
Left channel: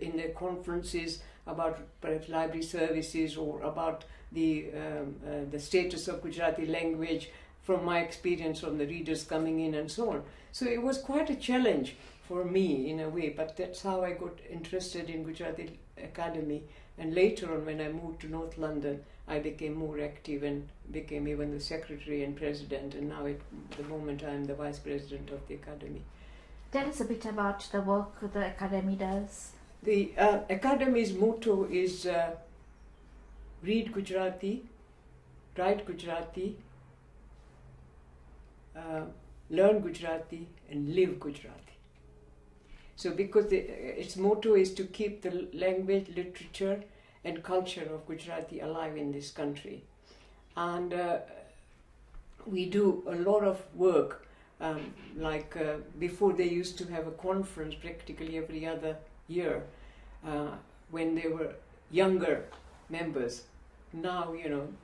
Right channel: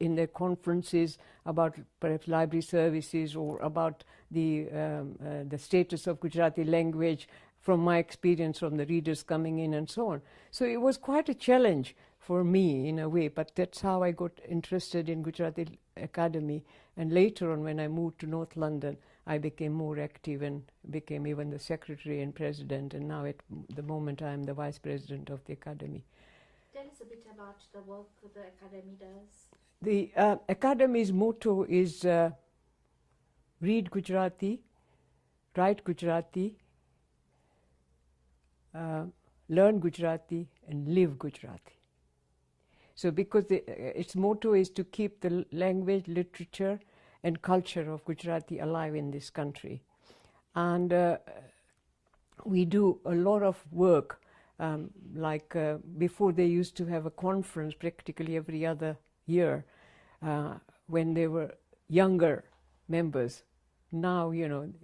in their conferences about perhaps library services or about the status of Gujarati language from my experience from the readers coming in and so on. So it was quite a challenge for me in a way, but that's how I got interested in Gujarati Academy. And later on, when I moved to North London, I became more active and became even the secretary and president, and now at the moment I am the vice president of the academy. Tell us a bit about the work the academy does. The academy's motto is read Gujarati, write Gujarati, learn Gujarati, and live Gujarati. So because its motto is to keep the language, literature and culture of Gujarati alive in this country. And we do a lot of work, before they used to have a conference practically every other year when they were younger members. Now,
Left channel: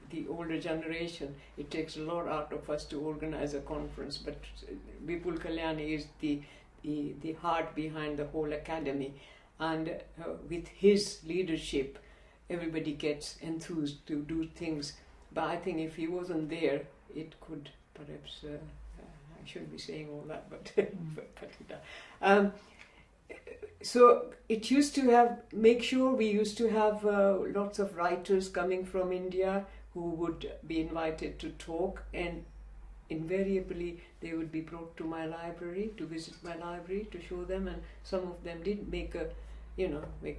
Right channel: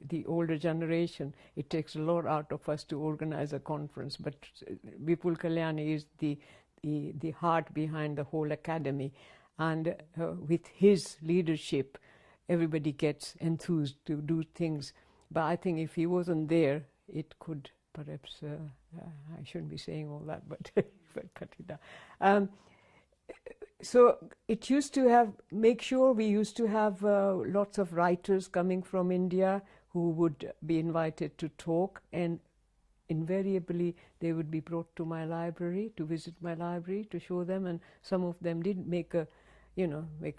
the older generation, it takes a lot out of us to organize a conference, but Vipul Kalyani is the heart behind the whole academy, and with his leadership everybody gets enthused to do things. But I think if he wasn't there, it could perhaps I shouldn't be saying all that, but so it used to we used to have lots of writers coming from India who would be invited to talk, and invariably they would be brought to my library, to visit my library, to show them, and some of them did make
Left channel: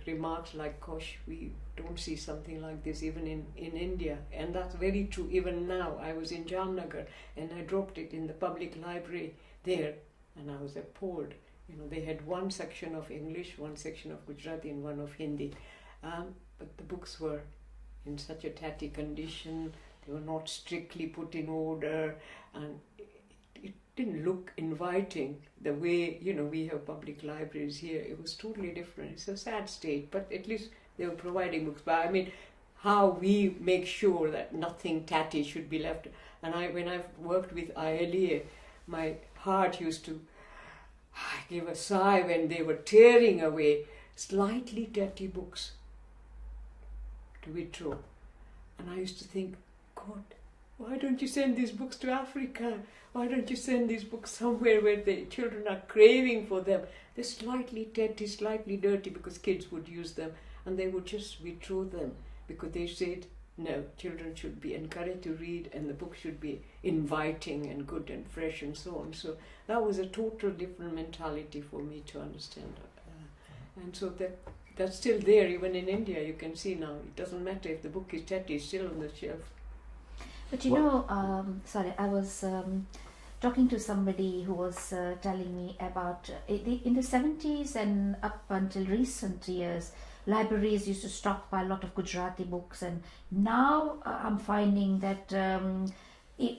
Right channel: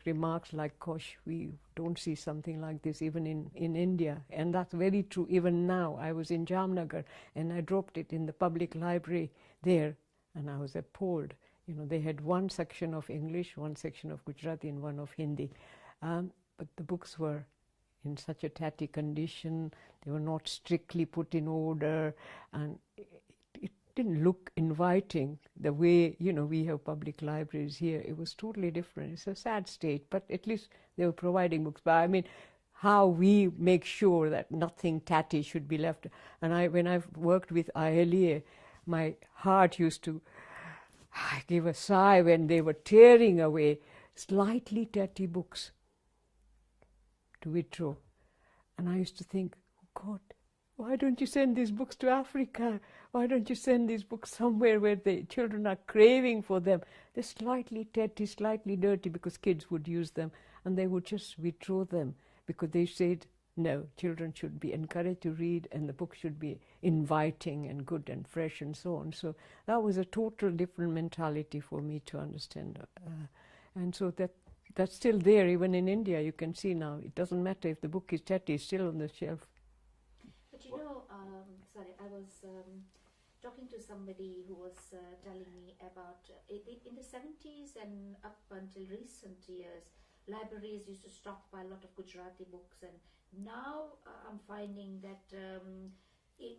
remarks like, gosh, we don't see something like this even in India. And that's very true. Even now, I was in Jamnagar and I dropped it in the public library there, and I was appalled. They had one section of English, one section of Gujarati and one of Hindi. But the books were in such a tatty condition, They were not strictly put in order, and it didn't look inviting the way, we have public libraries here. It was totally different. It's a sad state, but at least they were providing books. But I mean, how we make sure that nothing tatty should be left. And when I've worked with ILEA, my heart used to give a sigh when they were tearing away slightly tatty books to withdraw. And I used to think, God, why don't you send these books to Africa? Why don't you send these books somewhere where the children are craving for them? They're slightly tatty, slightly dirty, because kids would use them, and they would just withdraw them because they said, no, children should be encouraged to read, and the book should be inviting and good and fresh and so on. So that was a total different mentality for me to understand. And so that's still there. Even in India, you can see now, it doesn't matter if the book is tatty, it's still on the shelf. But I was talking to somebody who was telling me about in the 70s and up until recent years, libraries used to stockpile a lot of Gujarati books, and now I'm finding that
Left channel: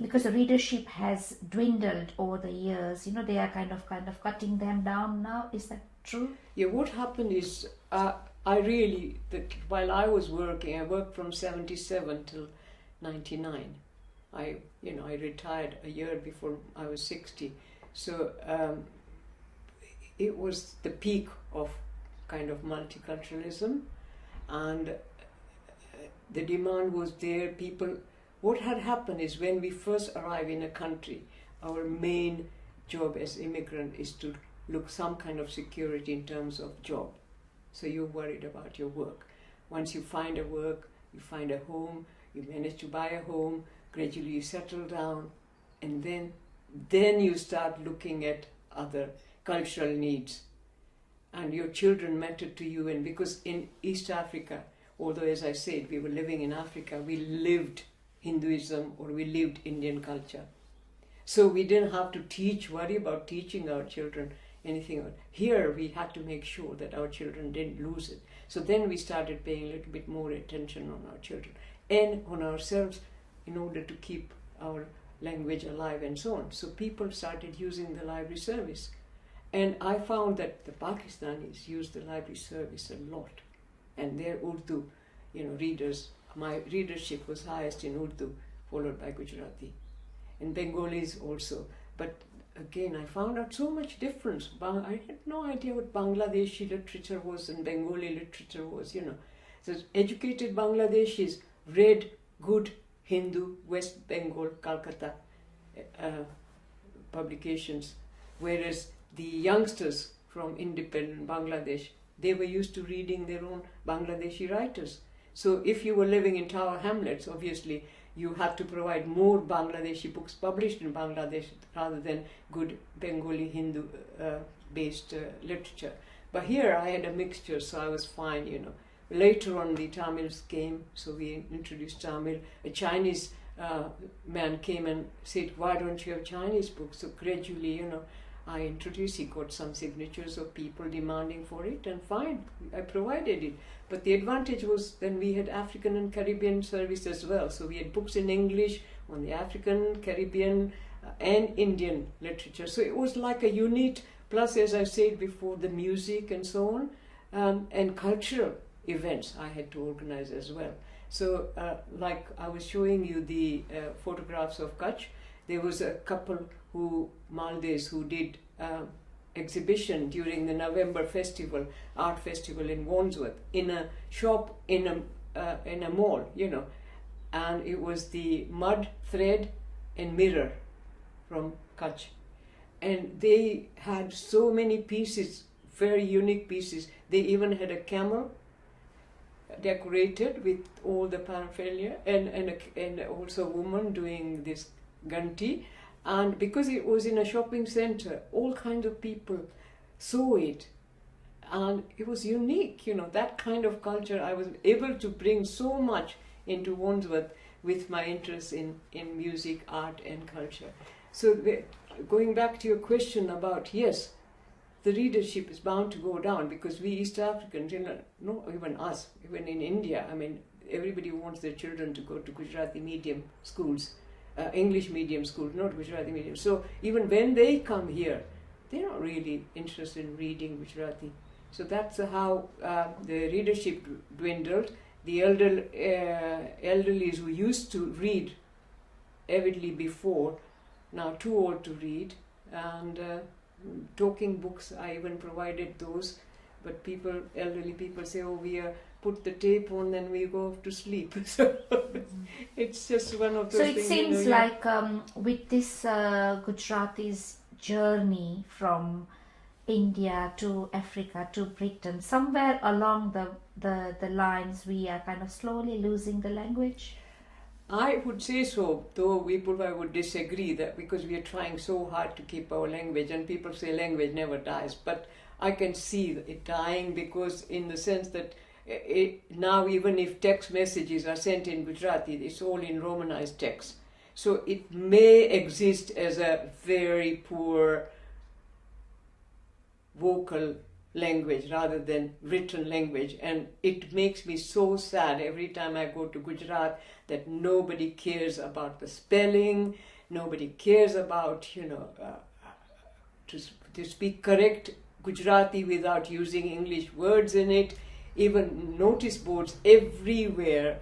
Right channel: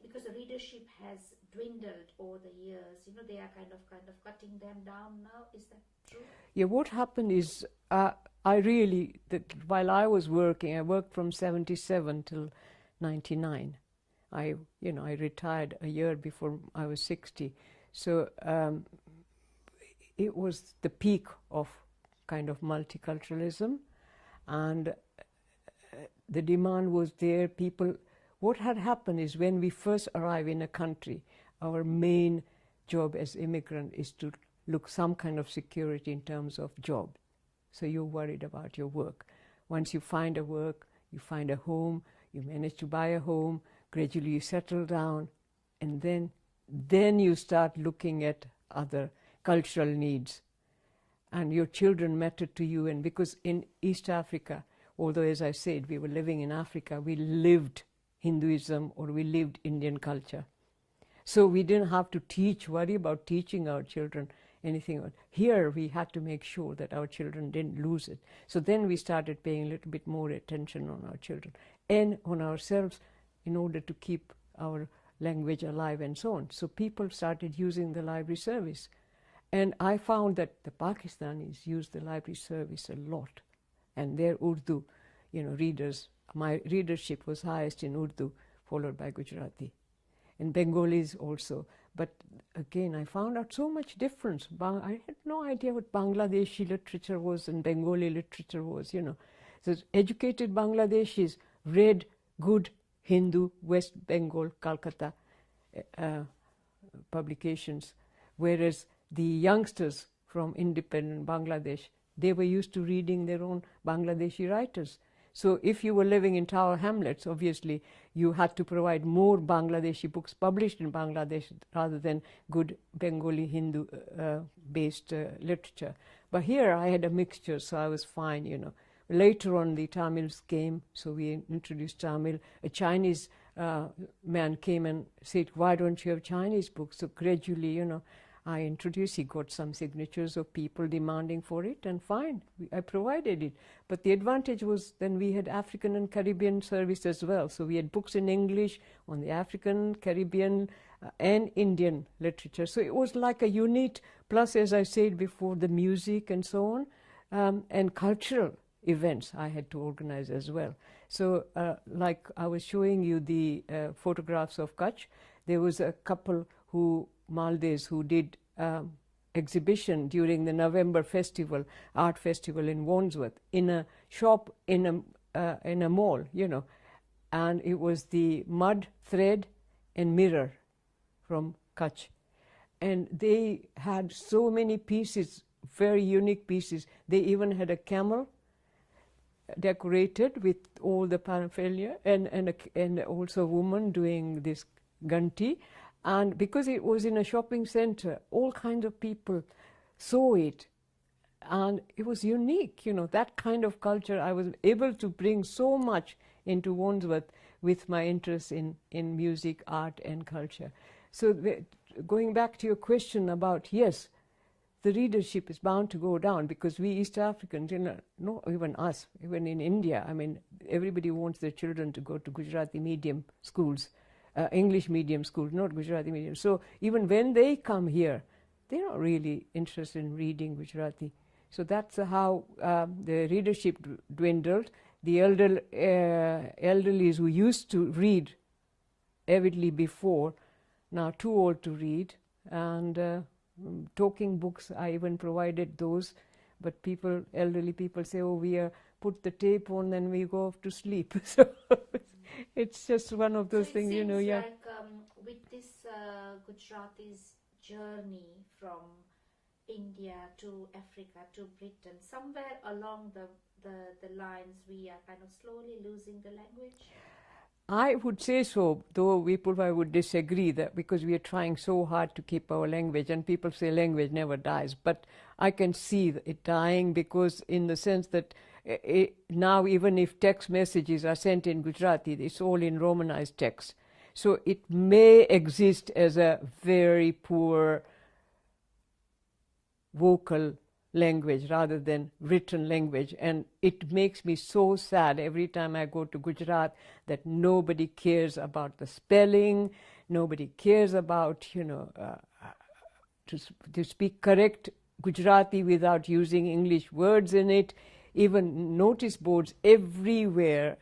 because the readership has dwindled over the years, they are kind of cutting them down now. Is that true? Yeah, what happened is while I was working, I worked from 77 till 99. I retired a year before I was 60. So it was the peak of kind of multiculturalism, and the demand was there. What had happened is, when we first arrive in a country, our main job as immigrant is to look some kind of security in terms of job. So you're worried about your work. Once you find a work, you find a home, you manage to buy a home, gradually you settle down, and then you start looking at other cultural needs. And your children matter to you. And because in East Africa, although, as I said, we were living in Africa, we lived Hinduism or we lived Indian culture. So we didn't have to worry about teaching our children anything. Here we had to make sure that our children didn't lose it. So then we started paying a little bit more attention on our children and on ourselves in order to keep our language alive and so on. So people started using the library service. And I found that the Pakistanis use the library service a lot. And their Urdu, readers, my readership was highest in Urdu, followed by Gujarati. And Bengalis also. But again, I found out so much difference. I had no idea what Bangladeshi literature was and Bengali literature was, So educated Bangladeshis read good Hindu, West Bengal, Calcutta publications, whereas the youngsters from independent Bangladesh, they were used to reading their own Bangladeshi writers. So if you were living in Tower Hamlets, obviously you had to provide more Bangladeshi books published in Bangladesh rather than good Bengali Hindu based literature. But here I had a mixture, so I was fine, Later on the Tamils came, so we introduced Tamil. A Chinese man came and said, why don't you have Chinese books? So gradually, I introduced, he got some signatures of people demanding for it, and fine, I provided it. But the advantage was then we had African and Caribbean service as well. So we had books in English on the African, Caribbean and Indian literature. So it was like a unit, plus, as I said before, the music and so on, and cultural events I had to organize as well. So like I was showing you the photographs of Kutch, there was a couple Maldives who did exhibition during the November festival, art festival in Wandsworth, in a shop in a mall, and it was the mud, thread and mirror from Kutch. And they had so many pieces, very unique pieces. They even had a camel decorated with all the paraphernalia, and also a woman doing this ganti. And because it was in a shopping center, all kinds of people saw it, and it was unique, that kind of culture. I was able to bring so much into Wandsworth with my interest in music, art and culture. So going back to your question about, yes, the readership is bound to go down because we East Africans, not even us, even in India, everybody wants their children to go to Gujarati medium schools, English medium schools, not Gujarati medium. So even when they come here, they're not really interested in reading Gujarati. So that's how the readership dwindled. The elderlies who used to read avidly before, now too old to read, and talking books, I even provided those, but elderly people say, oh, we put the tape on, then we go off to sleep. So it's just one of those things. So it seems like with this Gujarati's journey from India to Africa to Britain, somewhere along the lines we are kind of slowly losing the language. I would say so, though I would disagree, that because we are trying so hard to keep our language, and people say language never dies, but I can see it dying, because in the sense that now even if text messages are sent in Gujarati, it's all in Romanized text. So it may exist as a very poor vocal language rather than written language, and it makes me so sad every time I go to Gujarat that nobody cares about the spelling, nobody cares about to speak correct Gujarati without using English words in it. Even notice boards everywhere,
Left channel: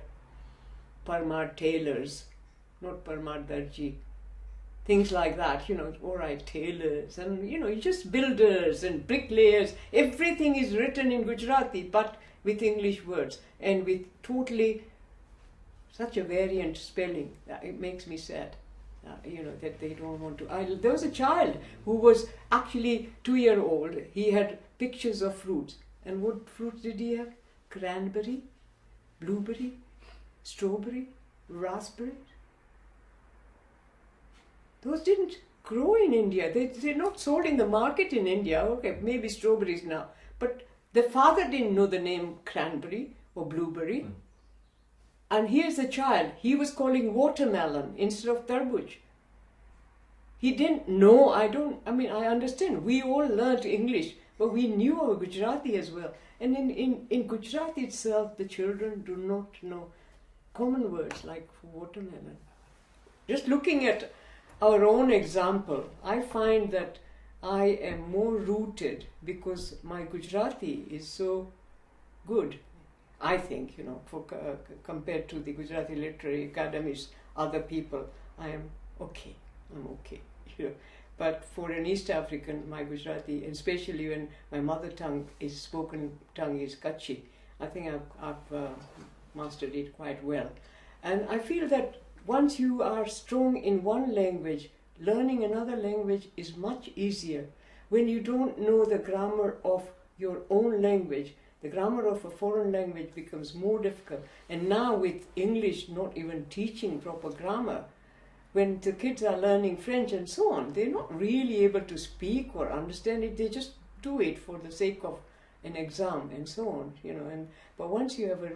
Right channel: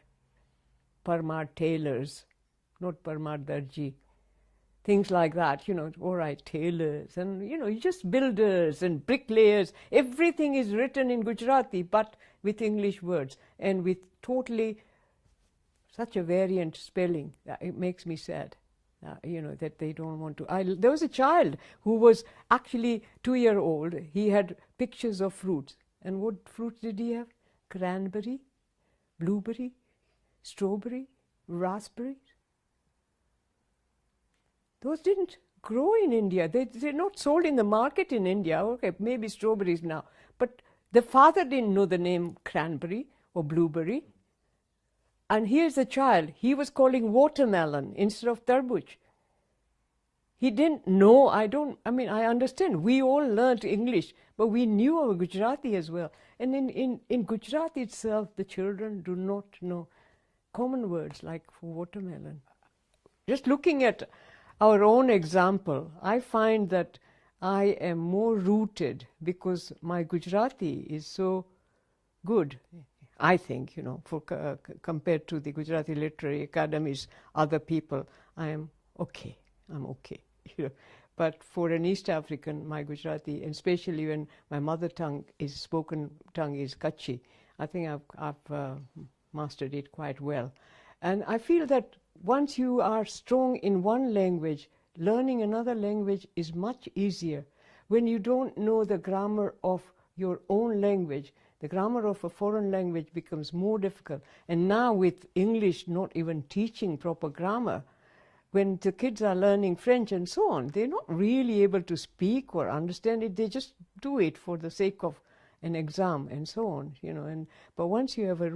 Parmar tailors, not Parmar darji, things like that, all right, tailors, and just builders and bricklayers, everything is written in Gujarati but with English words and with totally such a variant spelling. It makes me sad, that they don't want to. There was a child who was actually 2-year-old. He had pictures of fruits. And what fruits did he have? Cranberry, blueberry, strawberry, raspberry. Those didn't grow in India. They're not sold in the market in India. Okay, maybe strawberries now. But the father didn't know the name cranberry or blueberry. And here's the child. He was calling watermelon instead of tarbuj. He didn't know. I understand. We all learned English, but we knew our Gujarati as well. And in Gujarati itself, the children do not know common words like watermelon. Just looking at our own example, I find that I am more rooted because my Gujarati is so good, I think, compared to the Gujarati Literary Academy's other people. I'm okay. But for an East African, my Gujarati, and especially when my mother tongue is Kutchi, I think I've mastered it quite well. And I feel that once you are strong in one language, learning another language is much easier. When you don't know the grammar of your own language, the grammar of a foreign language becomes more difficult. And now with English not even teaching proper grammar, when the kids are learning French and so on, they're not really able to speak or understand it. They just do it for the sake of an exam and so on, but once you have a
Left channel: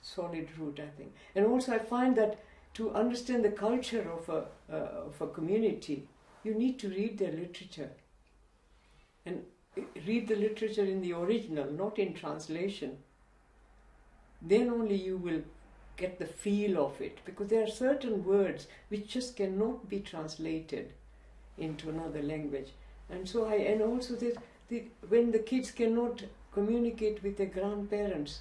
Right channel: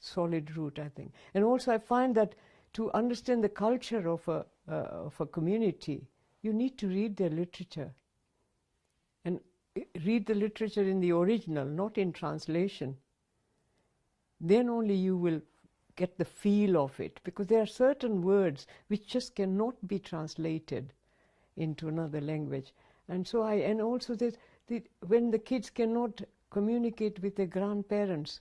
solid root, I think. And also I find that to understand the culture of a community, you need to read their literature. And read the literature in the original, not in translation. Then only you will get the feel of it, because there are certain words which just cannot be translated into another language. And so when the kids cannot communicate with their grandparents,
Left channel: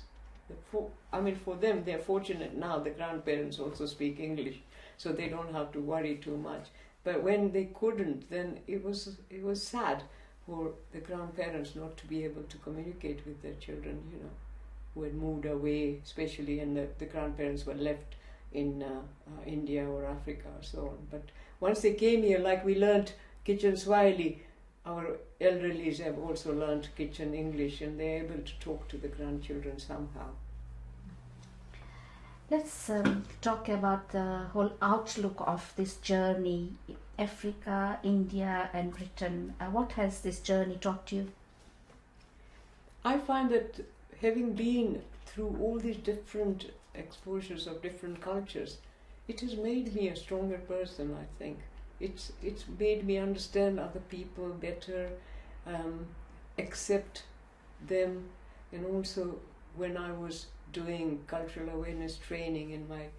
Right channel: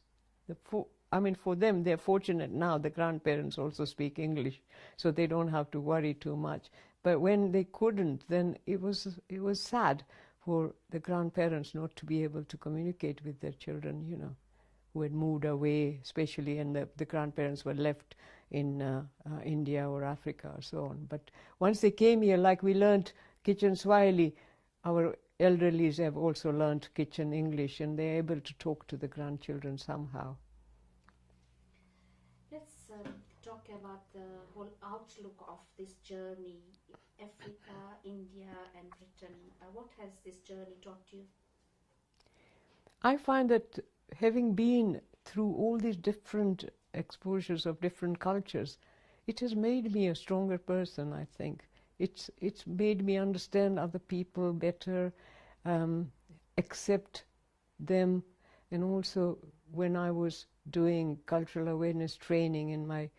for them, they're fortunate now, the grandparents also speak English, so they don't have to worry too much. But when they couldn't, then it was sad for the grandparents not to be able to communicate with their children, who had moved away, especially, and the grandparents were left in India or Africa or so on. But once they came here, like we learnt Kitchen Swahili, our elderlies have also learnt Kitchen English, and they're able to talk to the grandchildren somehow. Let's talk about the whole outlook of this journey, Africa, India and Britain. What has this journey taught you? I find that having been through all these different exposures of different cultures, it has made me a stronger person, I think. It's made me understand other people better, accept them, and also when I was doing cultural awareness training in my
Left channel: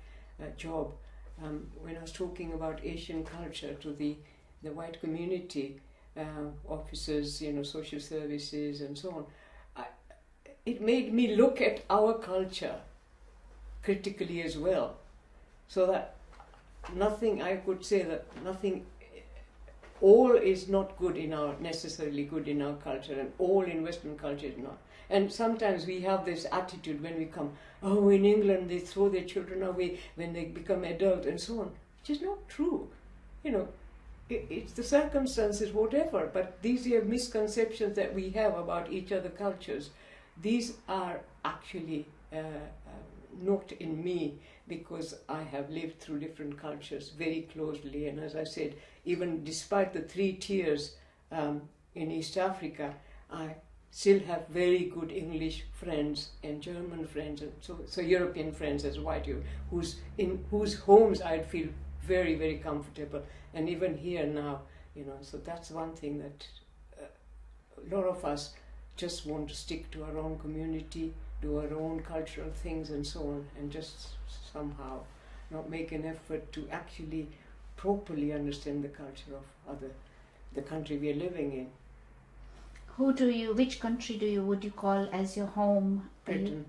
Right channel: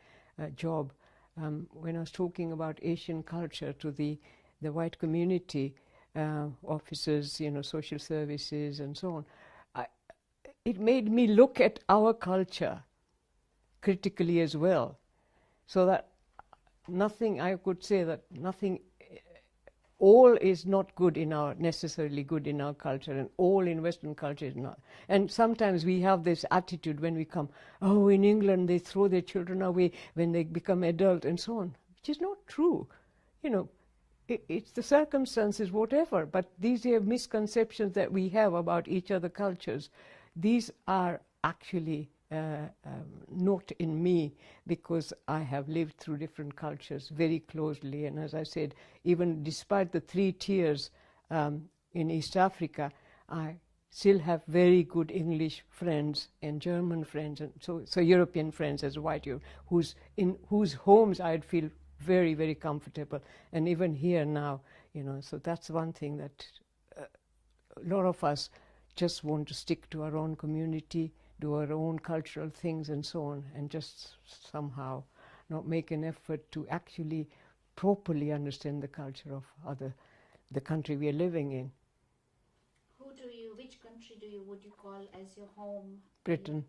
job, when I was talking about Asian culture to the white community, officers, social services and so on, it made me look at our culture critically as well, so that all is not necessarily good in our culture, and all in Western culture is not. And sometimes we have this attitude when we come, in England they throw their children away when they become adult and so on, which is not true. It's the circumstances, whatever, but these are misconceptions that we have about each other cultures. These are actually not in me, because I have lived through different cultures very closely. And as I said, even despite the 3 tiers in East Africa, I still have very good English friends and German friends, and so European friends as white, in whose homes I'd feel very, very comfortable. And even here now, so that's one thing that a lot of us just want to stick to our own community, do our own cultural things and so on, and just somehow not make an effort to actually properly understand the culture of the country we are living in. Which country would you call as your home? Britain.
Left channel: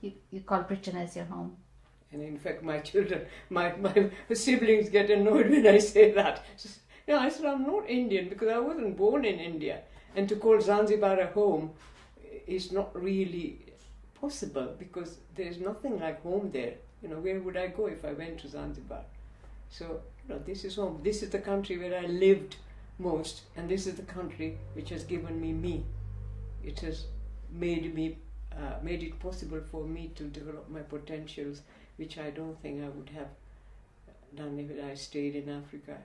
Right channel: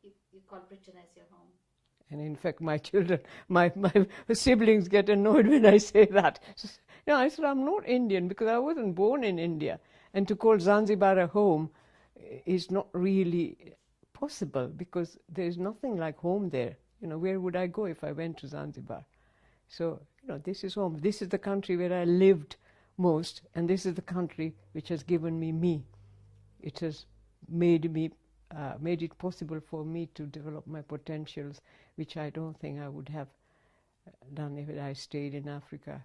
You call Britain as your home? And in fact, my children, my siblings get annoyed when I say that. I said, I'm not Indian because I wasn't born in India. And to call Zanzibar a home is not really possible, because there is nothing like home there. Where would I go if I went to Zanzibar? So, this is home. This is the country where I lived most, and this is the country which has given me. It has made it possible for me to develop my potentials, which I don't think I would have done if I stayed in Africa.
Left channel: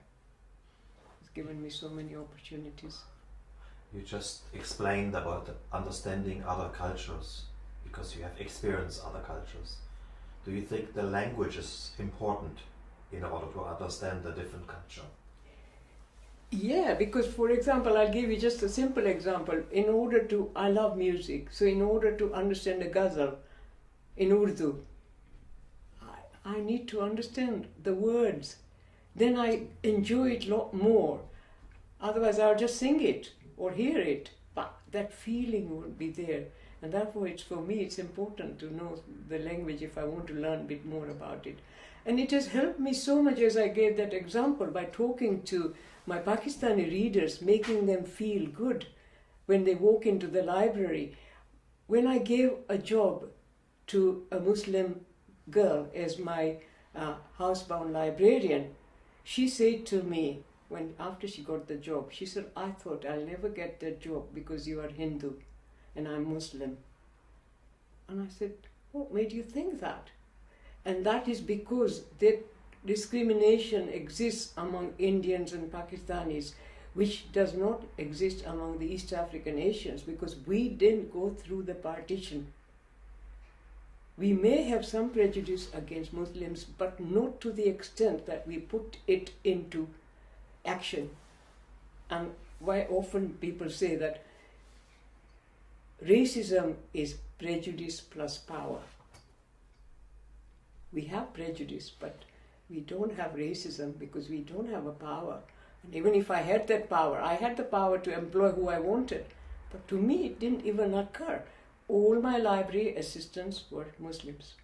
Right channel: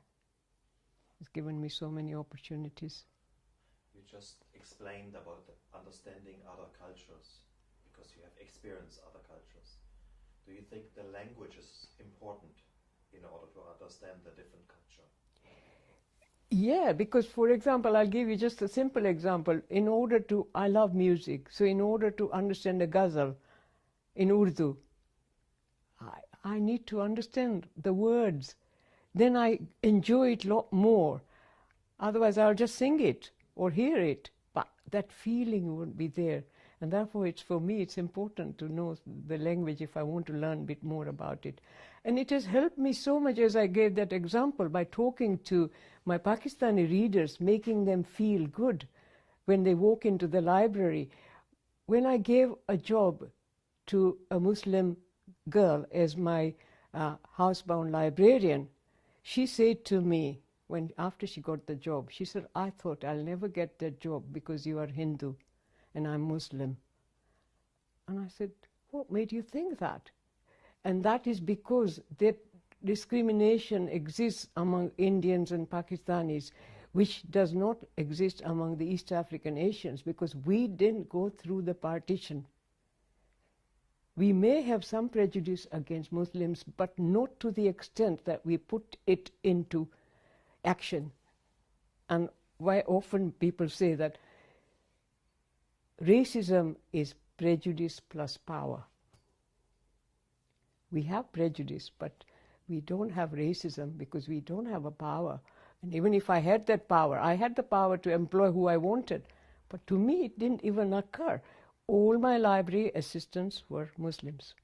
It's given me so many opportunities. You just explained about understanding other cultures, because you have experienced other cultures. Do you think the language is important in order to understand the different culture? Yeah, because for example, I'll give you just a simple example. I love music, so in order to understand a ghazal in Urdu, I need to understand the words. Then I enjoy it a lot more. Otherwise, I'll just sing it or hear it, but that feeling won't be there. And therefore, for me, it's important to know the language if I want to learn a bit more about it. And it has helped me so much, as I gave that example, by talking to my Pakistani readers, making them feel good when they walk into the library. When I gave a job to a Muslim girl as my housebound librarian, she said to me, after she got the job, she said, I thought I'll never get that job because you are Hindu and I'm Muslim. And I said, what made you think that? And that is because that discrimination exists among Indians and Pakistanis, which does not exist among the East African Asians, because we didn't go through the partition. We may have some prejudice against Muslims, but not to the extent that we put it into action. And why often people say that racism is prejudice plus power. We have prejudice, but we don't have racism because we don't have a power. And even if I had that power, I had the power to employ who I wanted. But to me, it didn't even occur. All my library assistants were Muslims.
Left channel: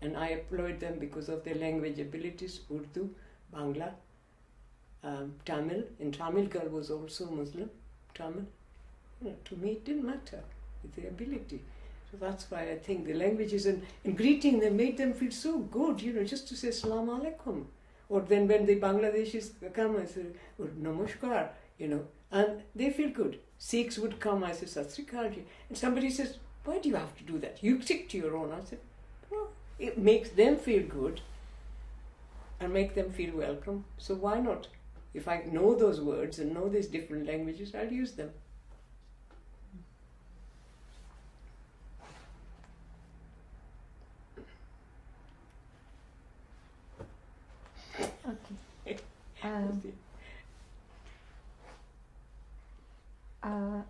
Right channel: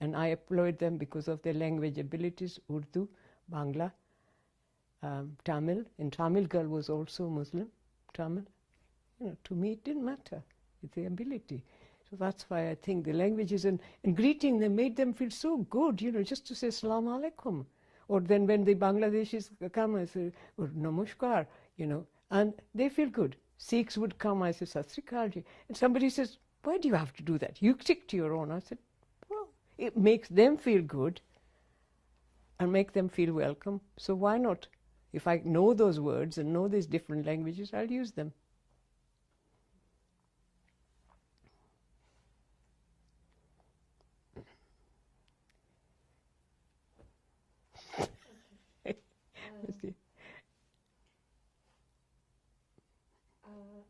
And I employed them because of their language abilities, Urdu, Bangla, Tamil. And Tamil girl was also Muslim, Tamil. To me, it didn't matter, the ability. So that's why I think the languages and greeting them made them feel so good, just to say Assalamu alaikum. Or then when the Bangladeshis come, I say, Namaskar, and they feel good. Sikhs would come, I say, Sat Sri Akal ji. And somebody says, why do you have to do that? You stick to your own. I said, well, it makes them feel good and make them feel welcome. So why not? If I know those words and know these different languages, I'll use them.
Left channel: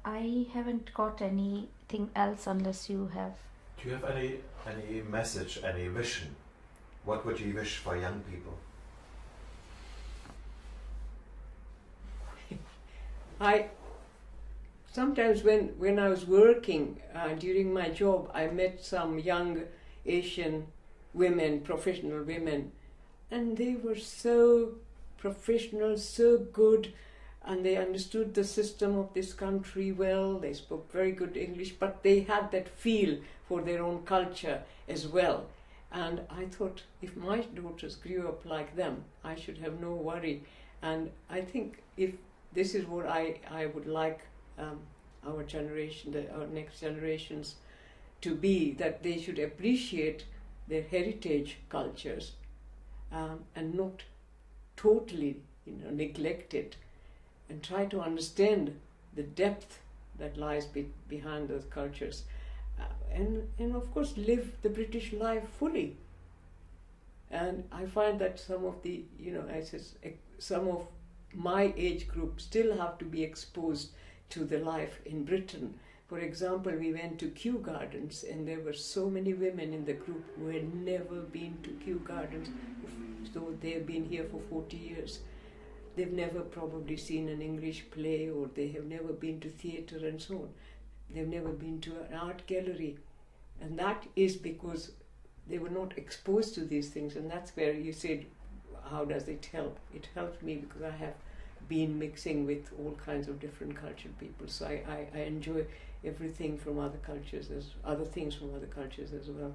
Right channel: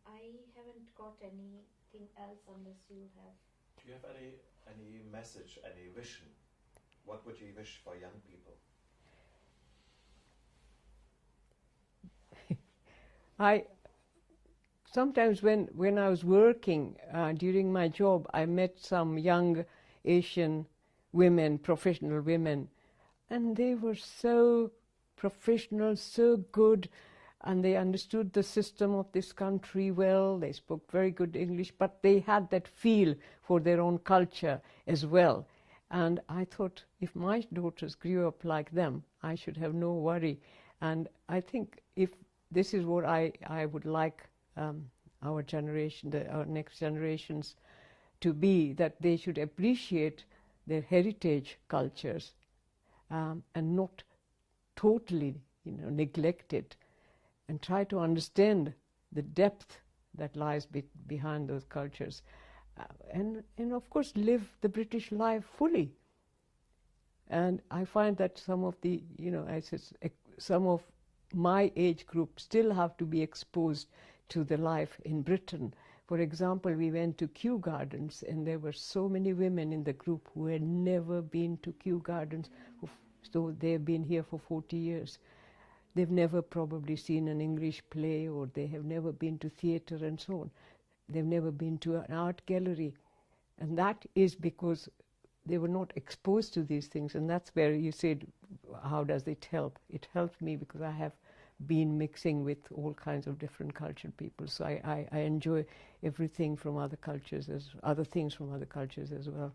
I haven't got anything else unless you have. Do you have any message, any vision? What would you wish for young people? I sometimes when I was working during my job, I met some young Asian women, professional women, and they were so professional, so good, and they understood the system of this country well. They spoke very good English, but they had that feel for their own culture as well. And I thought, if my daughters grew up like them, I should have no worry. And I think if this is what I would like our generation, our next generations to be, that they should appreciate their heritage cultures and not totally neglect it, and try to understand the depth that lies behind those cultures, and of course live the British life fully. And I find that some of the, some of my age group still have to be exposed to the life in Britain. For example, we went to Kew Gardens, and there were so many women in the group who had never been to Kew Gardens, so they've been here for 40 years. They've never probably seen an English play, or they have never been to theatre and so on. They've never been to an art gallery. And that is because they were not exposed to these things. And that's where you said, how does it help? It helped me because I have been mixing with all kinds of different cultured people. So I enjoy everything from other cultures, other things from other cultures as well.